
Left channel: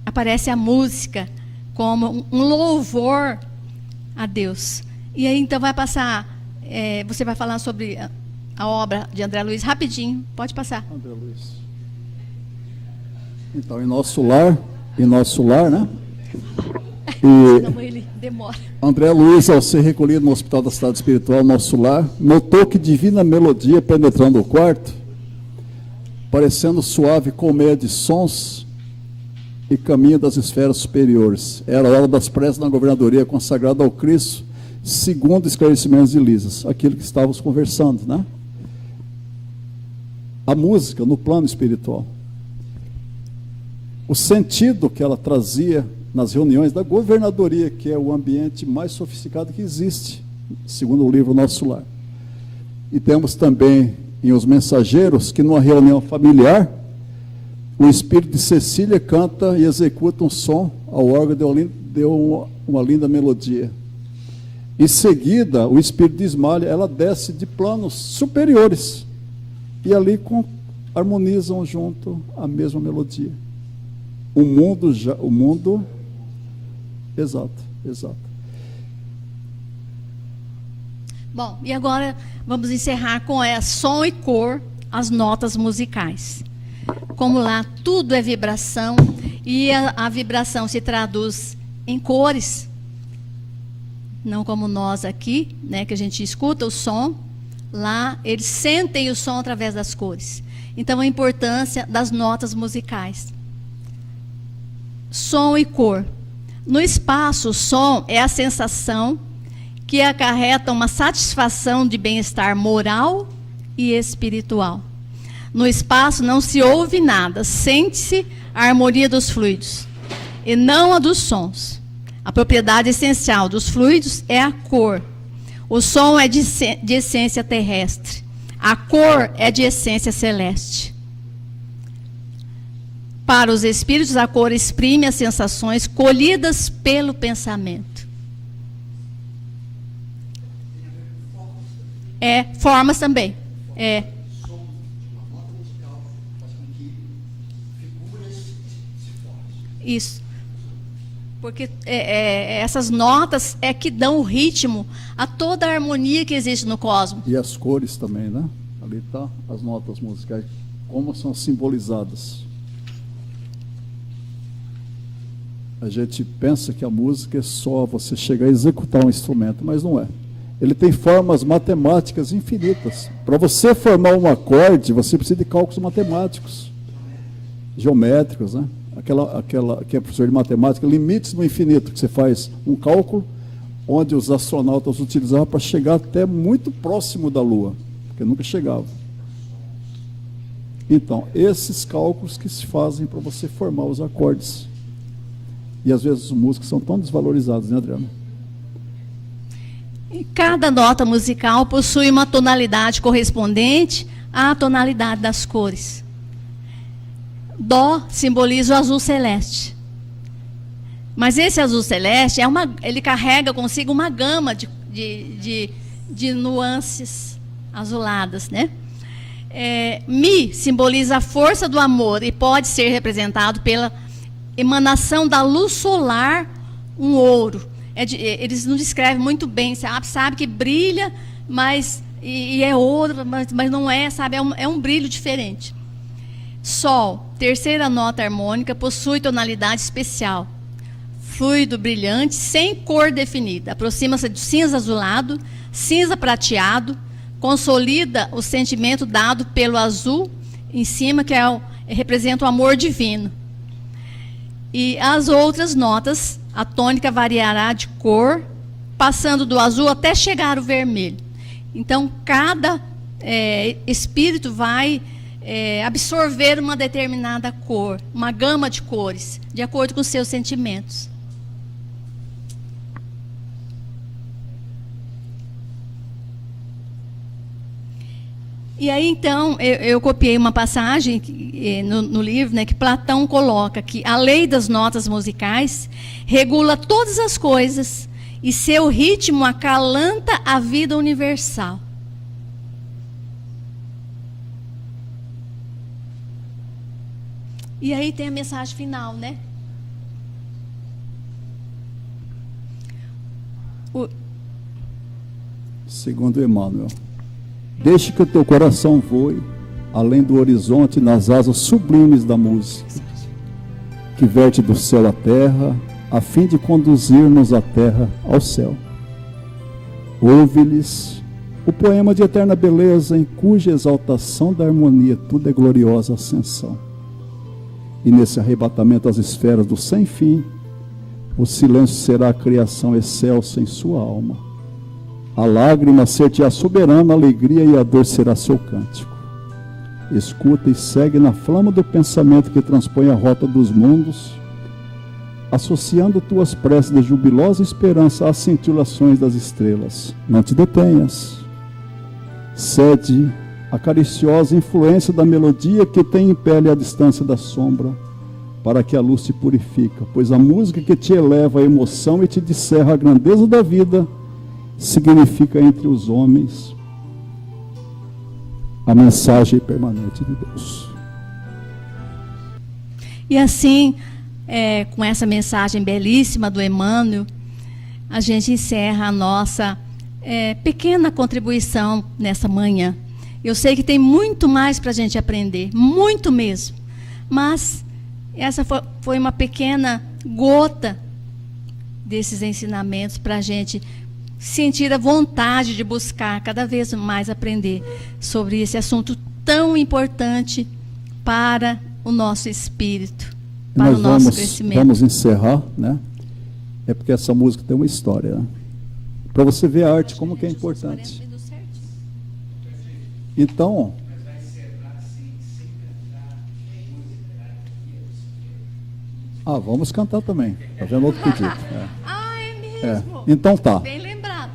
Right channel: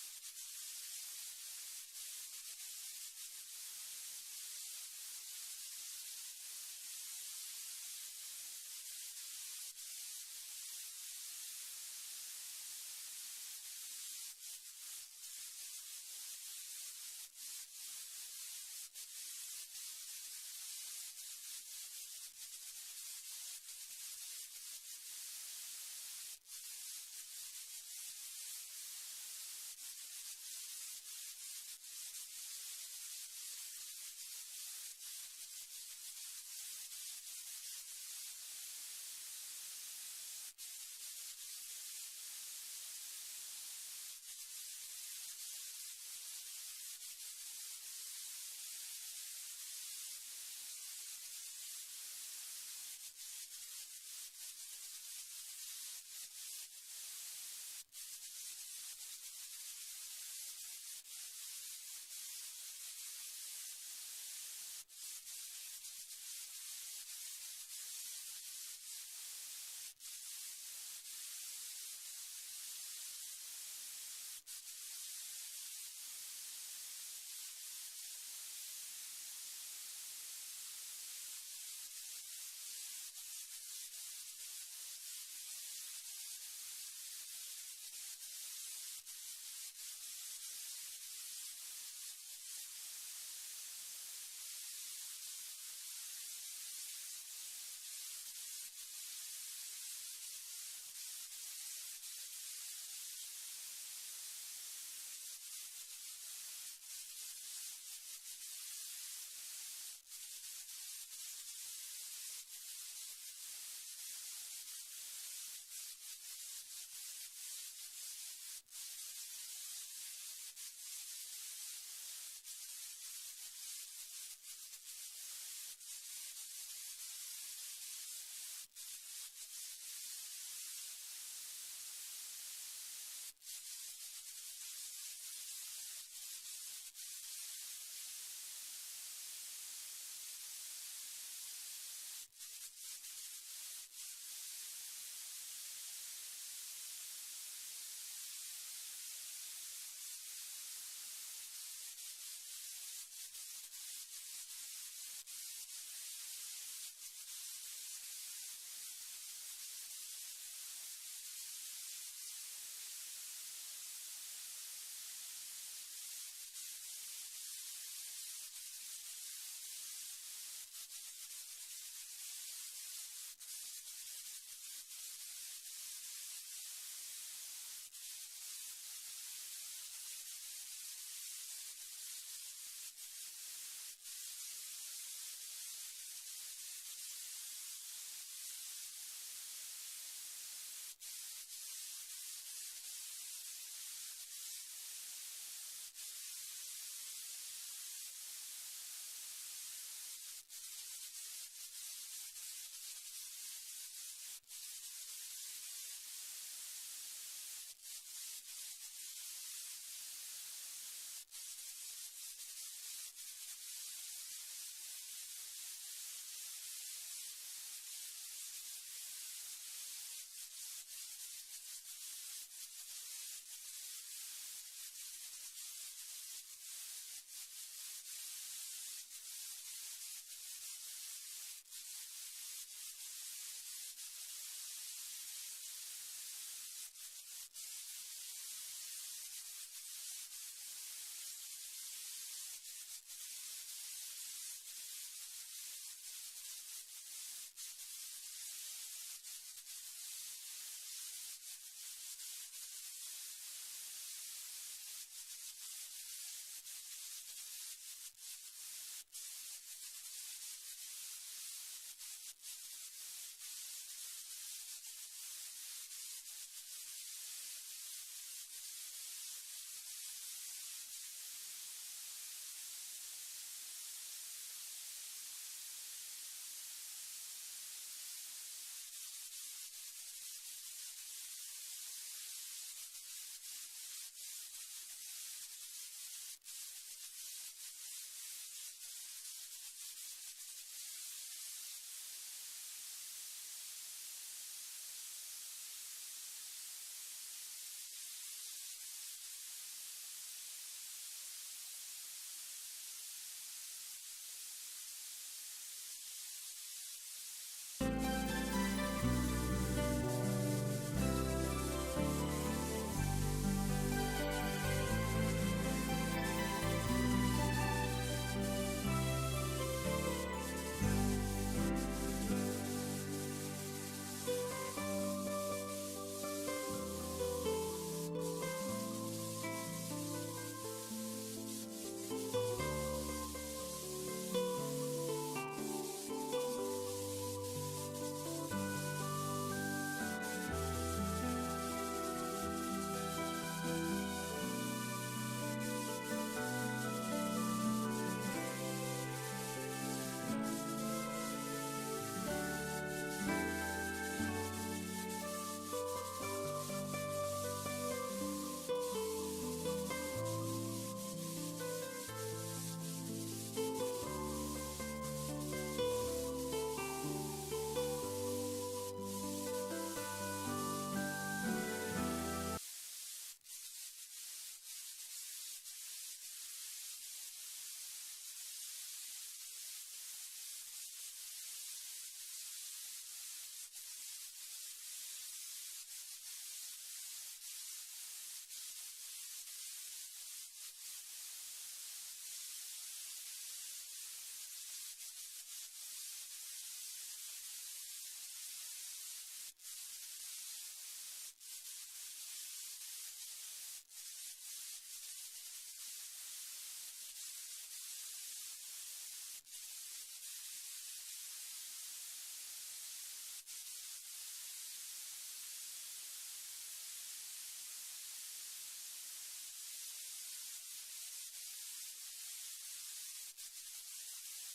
aparece a música como um louvor a Deus. E aí então vai passar, você vai falar sobre a obra de André Luiz rapidinho, pode passar. André Luiz. Então, em nosso lar, né? E Senão ele demora. André Luiz, ao ser recolhido no Hospital da Cidade Espiritual, Nosso Lar, notou que divina melodia penetrando o quarto, parecendo suave colmeia de sons e caminho das esferas superiores. Era a hora das preces na governadoria consagrada ao Cristo, segundo esclarecimentos de Lisas, aquilo que estávamos conversando, né? A música no plano espiritual. O sentido que ela trazia nas reuniões da governadoria, que é o ambiente mais sofisticado que existe, segundo o livro Nosso Lar. E temos também em Os Mensageiros, que numa reunião familiar, o espírito de Cecília canta e executa um som ao órgão, deu uma linda melodia. Em seguida, o espírito de Ismália, ela desce de planos superiores, e ali harmonizam junto a mesma melodia. O mundo, exato. Bom, e agora vamos encerrar com som e cor, as notas musicais. Como lá tudo é vibração, e a vibração se traduz em cores, não como nós aqui, né, que a gente escuta o som, lá eles sentem o som através das cores. Então, a importância das notas musicais. Som e cor. No espaço, o som é a sensação que acarreta uma satisfação de bem-estar moral e espiritual. No espaço não se ouve nada, sente-se a harmonia dos fluidos e não a dos sons. A propriedade essencial dos fluidos é a cor. O som é de essência terrestre. A cor é de essência celeste. Para os espíritos, a cor exprime as sensações colhidas pelo pensamento. Formas também. Isso. Porque essas notas é que dão o ritmo a toda a harmonia que existe no cosmos. E as cores também, né? Ali está as notas musicais, como são simbolizadas. A gente pensa que a música é só você chegar a executar um instrumento, mas não é. Ele tem formas matemáticas infinitas. Para você formar um acorde, você precisa de cálculos matemáticos, geométricos, né? Aquela que é professor de matemática, limites no infinito, que você faz um cálculo onde os astronautas utilizavam para chegar até muito próximo da Lua, porque nunca chegavam. Então, esses cálculos que se fazem para você formar os acordes. E às vezes os músicos são tão desvalorizados, né, Adriana? Cada nota musical possui uma tonalidade correspondente à tonalidade das cores. Dó simboliza o azul celeste. Mas esse azul celeste ele carrega consigo uma gama de de nuances azuladas, né? Mi simboliza a força do amor e pode ser representado pela emanação da luz solar, um ouro. Eles não descrevem muito bem, sabe que brilha, mas e é ouro, mas não é, sabe? É um brilho diferente. Sol, terceira nota harmônica, possui tonalidade especial. Fluido brilhante, sem cor definida. Aproxima-se do cinza azulado, cinza prateado, consolida o sentimento dado pelo azul em cima, que representa o amor divino. E as outras notas, a tônica variará de cor, passando do azul até chegar ao vermelho. Então, cada espírito vai absorver uma determinada cor, uma gama de cores, de acordo com os seus sentimentos. E aí, então, eu copiei uma passagem no livro, né, que Platão coloca que a lei das notas musicais regula todas as coisas e seu ritmo acalanta a vida universal. E aí tem a mensagem final, né? Segundo Emmanuel. Deixe que o teu coração voe além do horizonte nas asas sublimes da música, que verte do céu à terra, a fim de conduzir-nos a terra ao céu. Ouve-lhes o poema de eterna beleza, em cuja exaltação da harmonia tudo é gloriosa ascensão. E nesse arrebatamento às esferas do sem fim, o silêncio será a criação excelsa em sua alma. A lágrima ser-te-á soberana, a alegria e a dor será seu cântico. Escuta e segue na flama do pensamento que transpõe a rota dos mundos, associando tuas preces de jubilosa esperança às cintilações das estrelas. Não te detenhas. Cede a cariciosa influência da melodia que tem em pele a distância da sombra, para que a luz te purifica, pois a música que te eleva a emoção e te descerra a grandeza da vida significa entre os homens a mensagem permanente de Deus. E assim, com essa mensagem belíssima do Emmanuel, a gente encerra a nossa pequena contribuição nessa manhã. Eu sei que tem muito mais para a gente aprender, muito mesmo, mas essa foi uma pequena gota desses ensinamentos para a gente sentir a vontade de buscar cada vez mais aprender sobre esse assunto tão importante para o nosso espírito, para o nosso crescimento. Vamos encerrar, né? É porque essa música tem uma história, né? Para você ver a arte como que é importante. Então, vamos cantar também. Tá vendo outro pedido? É mesmo? Então tá. Bem lembrado.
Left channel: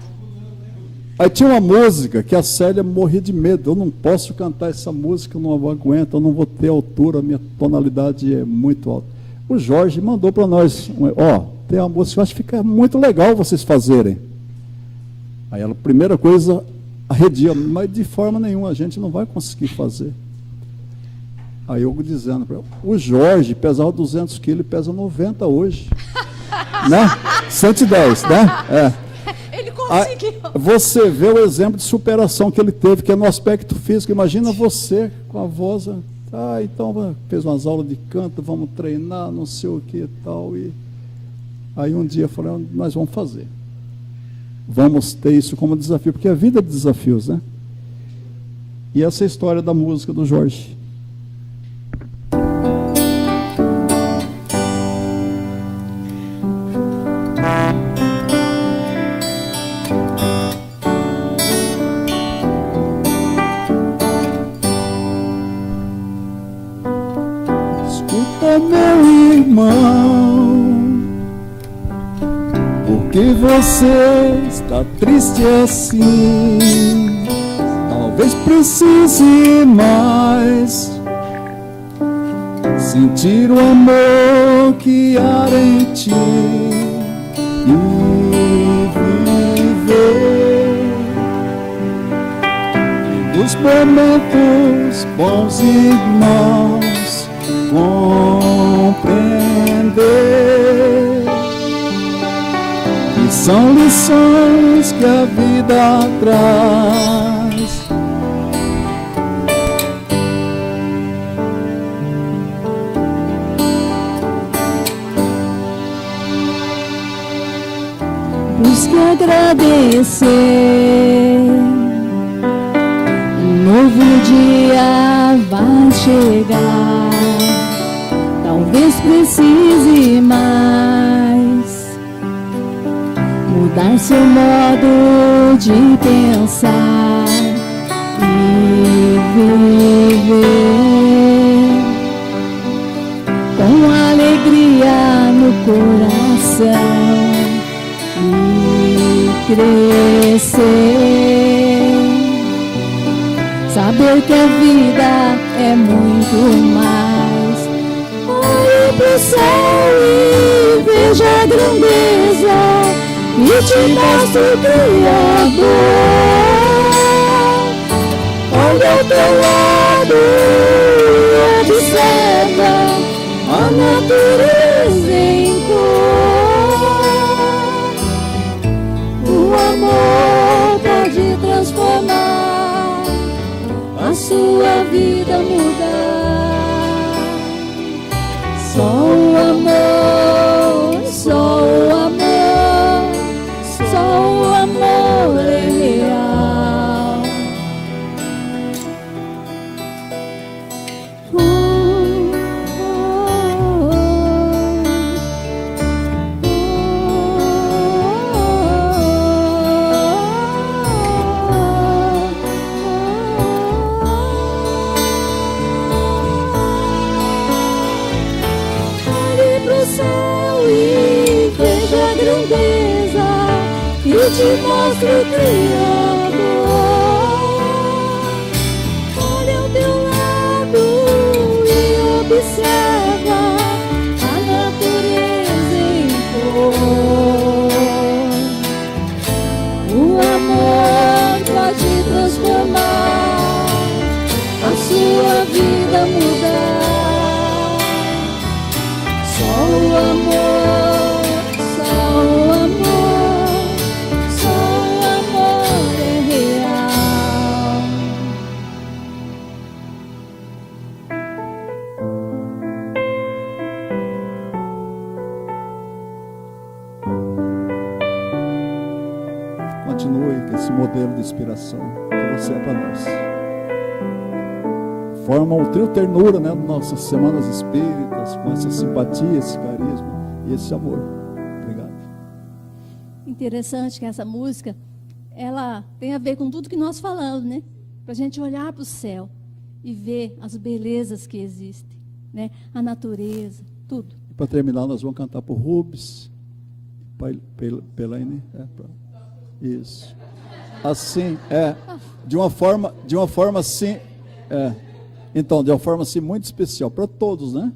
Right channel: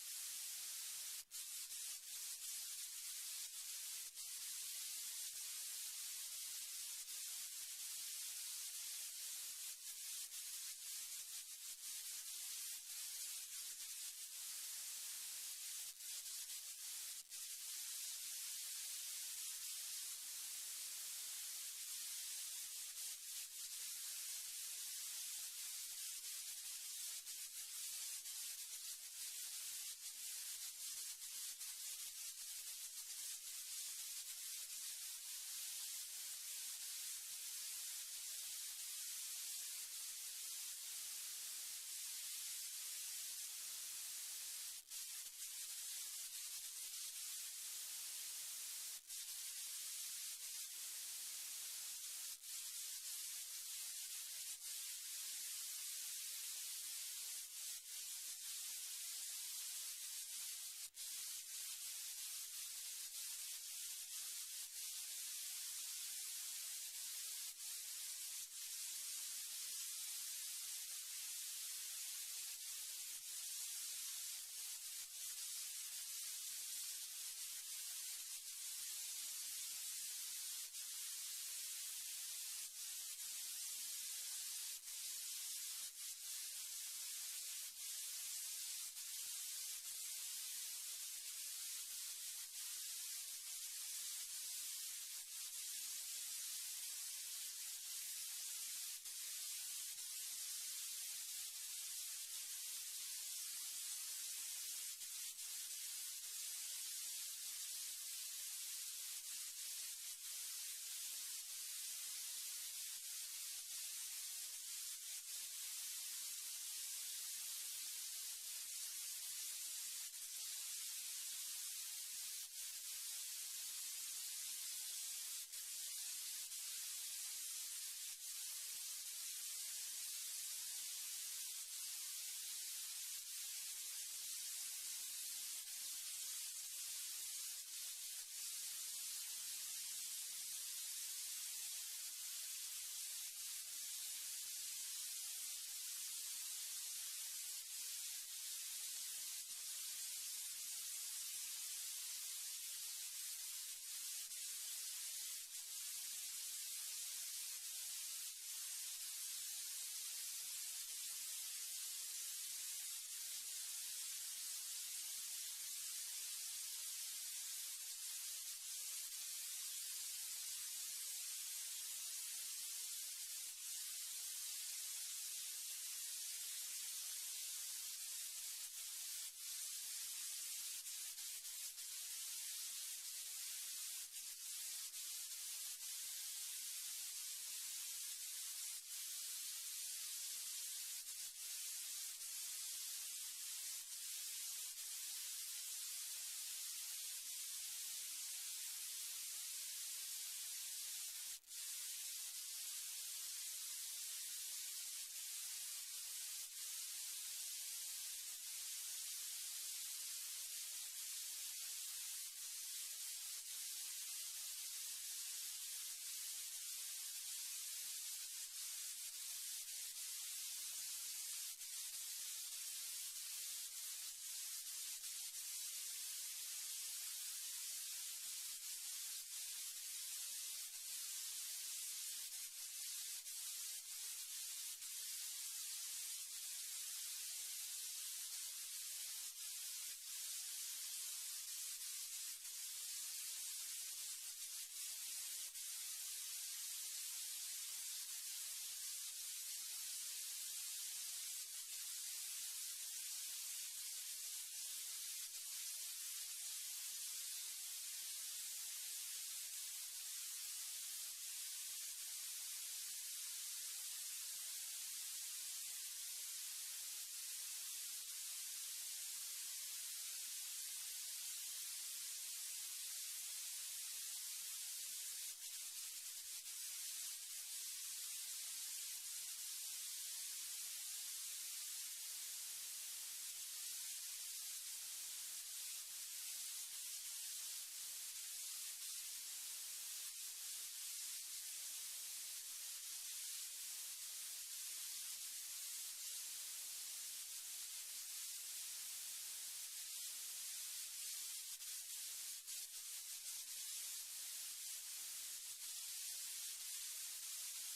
Aí tinha uma música que a Célia morria de medo. Eu não posso cantar essa música, eu não aguento, eu não vou ter altura, a minha tonalidade é muito alta. O Jorge mandou para nós, tem uma música que eu acho que fica muito legal vocês fazerem. Aí ela, primeira coisa, arredia, mas de forma nenhuma a gente não vai conseguir fazer. Aí eu dizendo para ela, o Jorge pesava 200 quilos e pesa 90 hoje. Né? 110, né? Ele conseguiu. Você vê o exemplo de superação que ele teve, que é no aspecto físico. Imagina você com a voz, então fez umas aulas de canto, vamos treinar, não sei o que e tal. E aí um dia eu falei, nós vamos fazer. Vamos ter isso como desafio, porque a vida é de desafios, né? E essa é a história da música do Jorge. Escuta, meu irmão, por que você está triste assim? Talvez precise mais sentir o amor que há em ti e viver momentos bons e maus compreender que são lições que a vida traz. Busque agradecer, um novo dia vai chegar. Talvez precise mais mudar seu modo de pensar e viver com alegria no coração. Crescer, saber que a vida é muito mais. Olhe pro céu e veja a grandeza e te mostra o Criador. Olha ao teu lado e observa a natureza em pode transformar, a sua vida mudar. Só o amor, só o amor, só o amor é real. Te mostro o Criador. Olha ao teu lado e observa a natureza em cor. O amor pode transformar, a sua vida mudar. Só o amor, só o amor, só o amor é real. Continue com esse modelo de inspiração para você e para nós. Forma o teu ternura, né, nas nossas semanas espíritas, com essa simpatia, esse carisma e esse amor. Obrigado. Interessante que essa música, ela tem a ver com tudo que nós falamos, né? Para a gente olhar para o céu e ver as belezas que existem, né? A natureza, tudo. Para terminar, nós vamos cantar por Rubens, Pelaine. Isso. Assim, de uma forma assim, então, de uma forma assim muito especial para todos, né?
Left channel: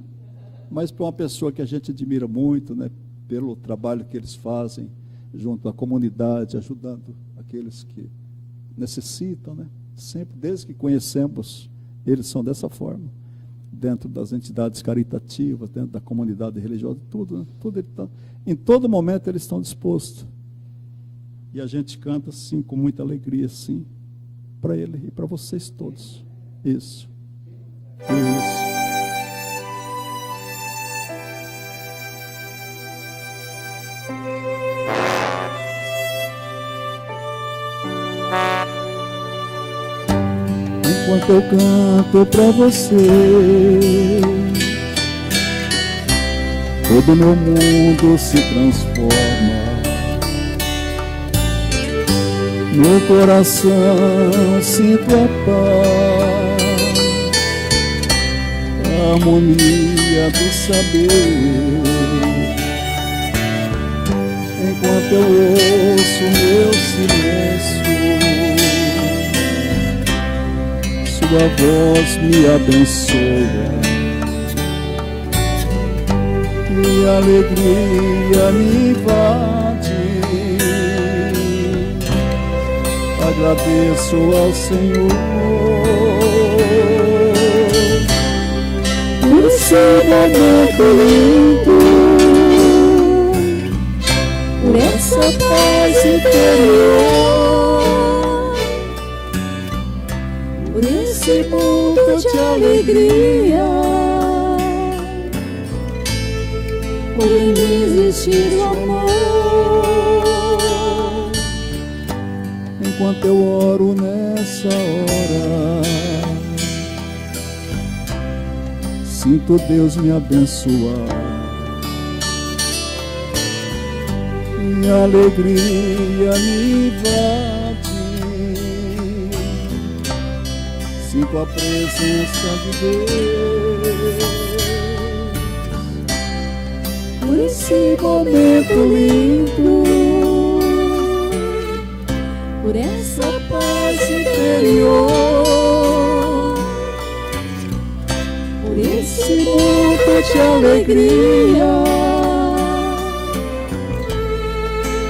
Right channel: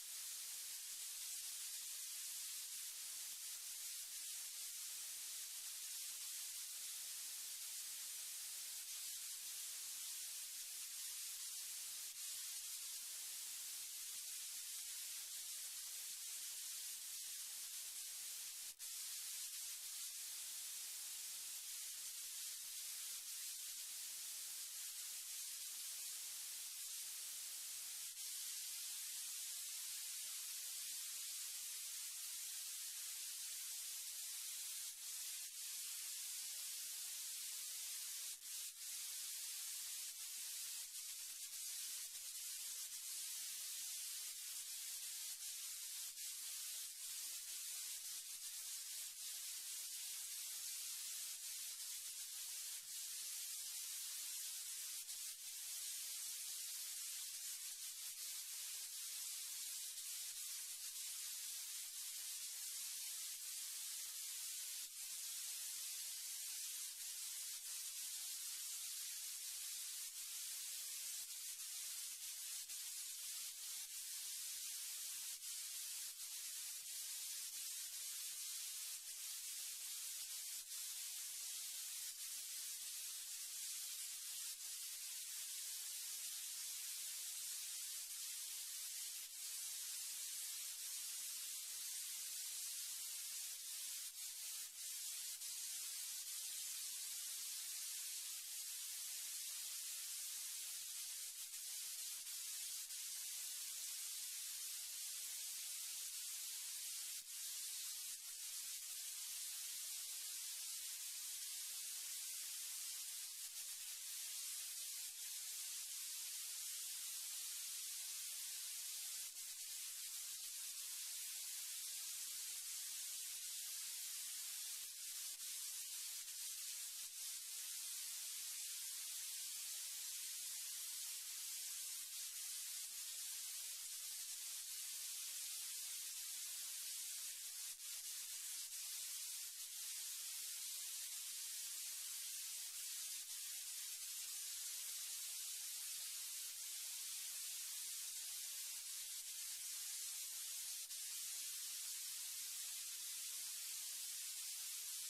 Mas para uma pessoa que a gente admira muito, né? Pelo trabalho que eles fazem junto à comunidade, ajudando aqueles que necessitam, né? Sempre, desde que conhecemos, eles são dessa forma, dentro das entidades caritativas, dentro da comunidade religiosa, tudo, né? Tudo em todo momento eles estão dispostos. E a gente canta assim, com muita alegria, assim, para ele e para vocês todos. Isso. Isso. Enquanto eu canto pra você, todo meu mundo se transforma. No coração sinto a paz, a harmonia do saber. Enquanto eu ouço meu silêncio, sua voz me abençoa e a alegria me invade. Agradeço ao Senhor momento lindo, por essa paz interior, por esse ponto de alegria, por existir o amor. enquanto eu oro nessa hora, sinto Deus me abençoar. Minha alegria me invade, sinto a presença de Deus. Por esse momento lindo, por essa paz interior, por esse mundo de alegria,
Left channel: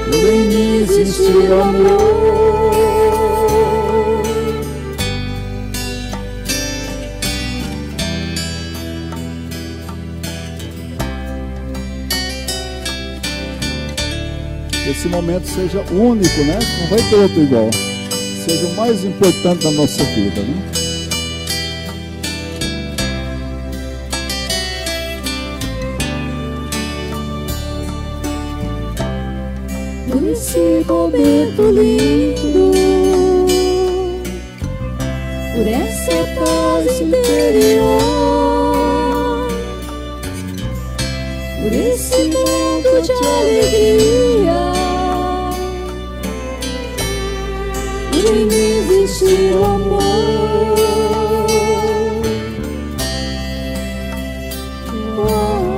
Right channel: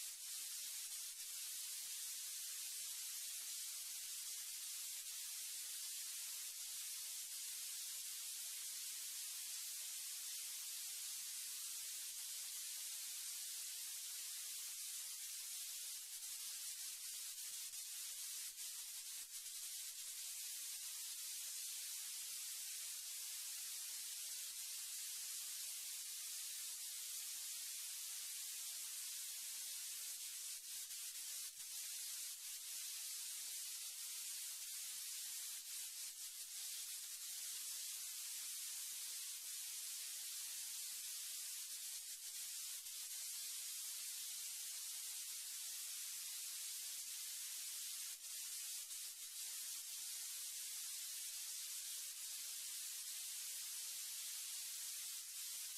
Por em mim existe amor. Que esse momento seja único, né? Não vai ter outro igual. Seja o mais importante da nossa vida, né? por esse momento lindo, por essa paz interior, por esse mundo de alegria, por em mim existe o amor. O amor.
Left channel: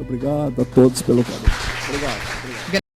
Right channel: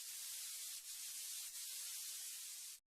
Obrigado a todos pelo carinho. Obrigado.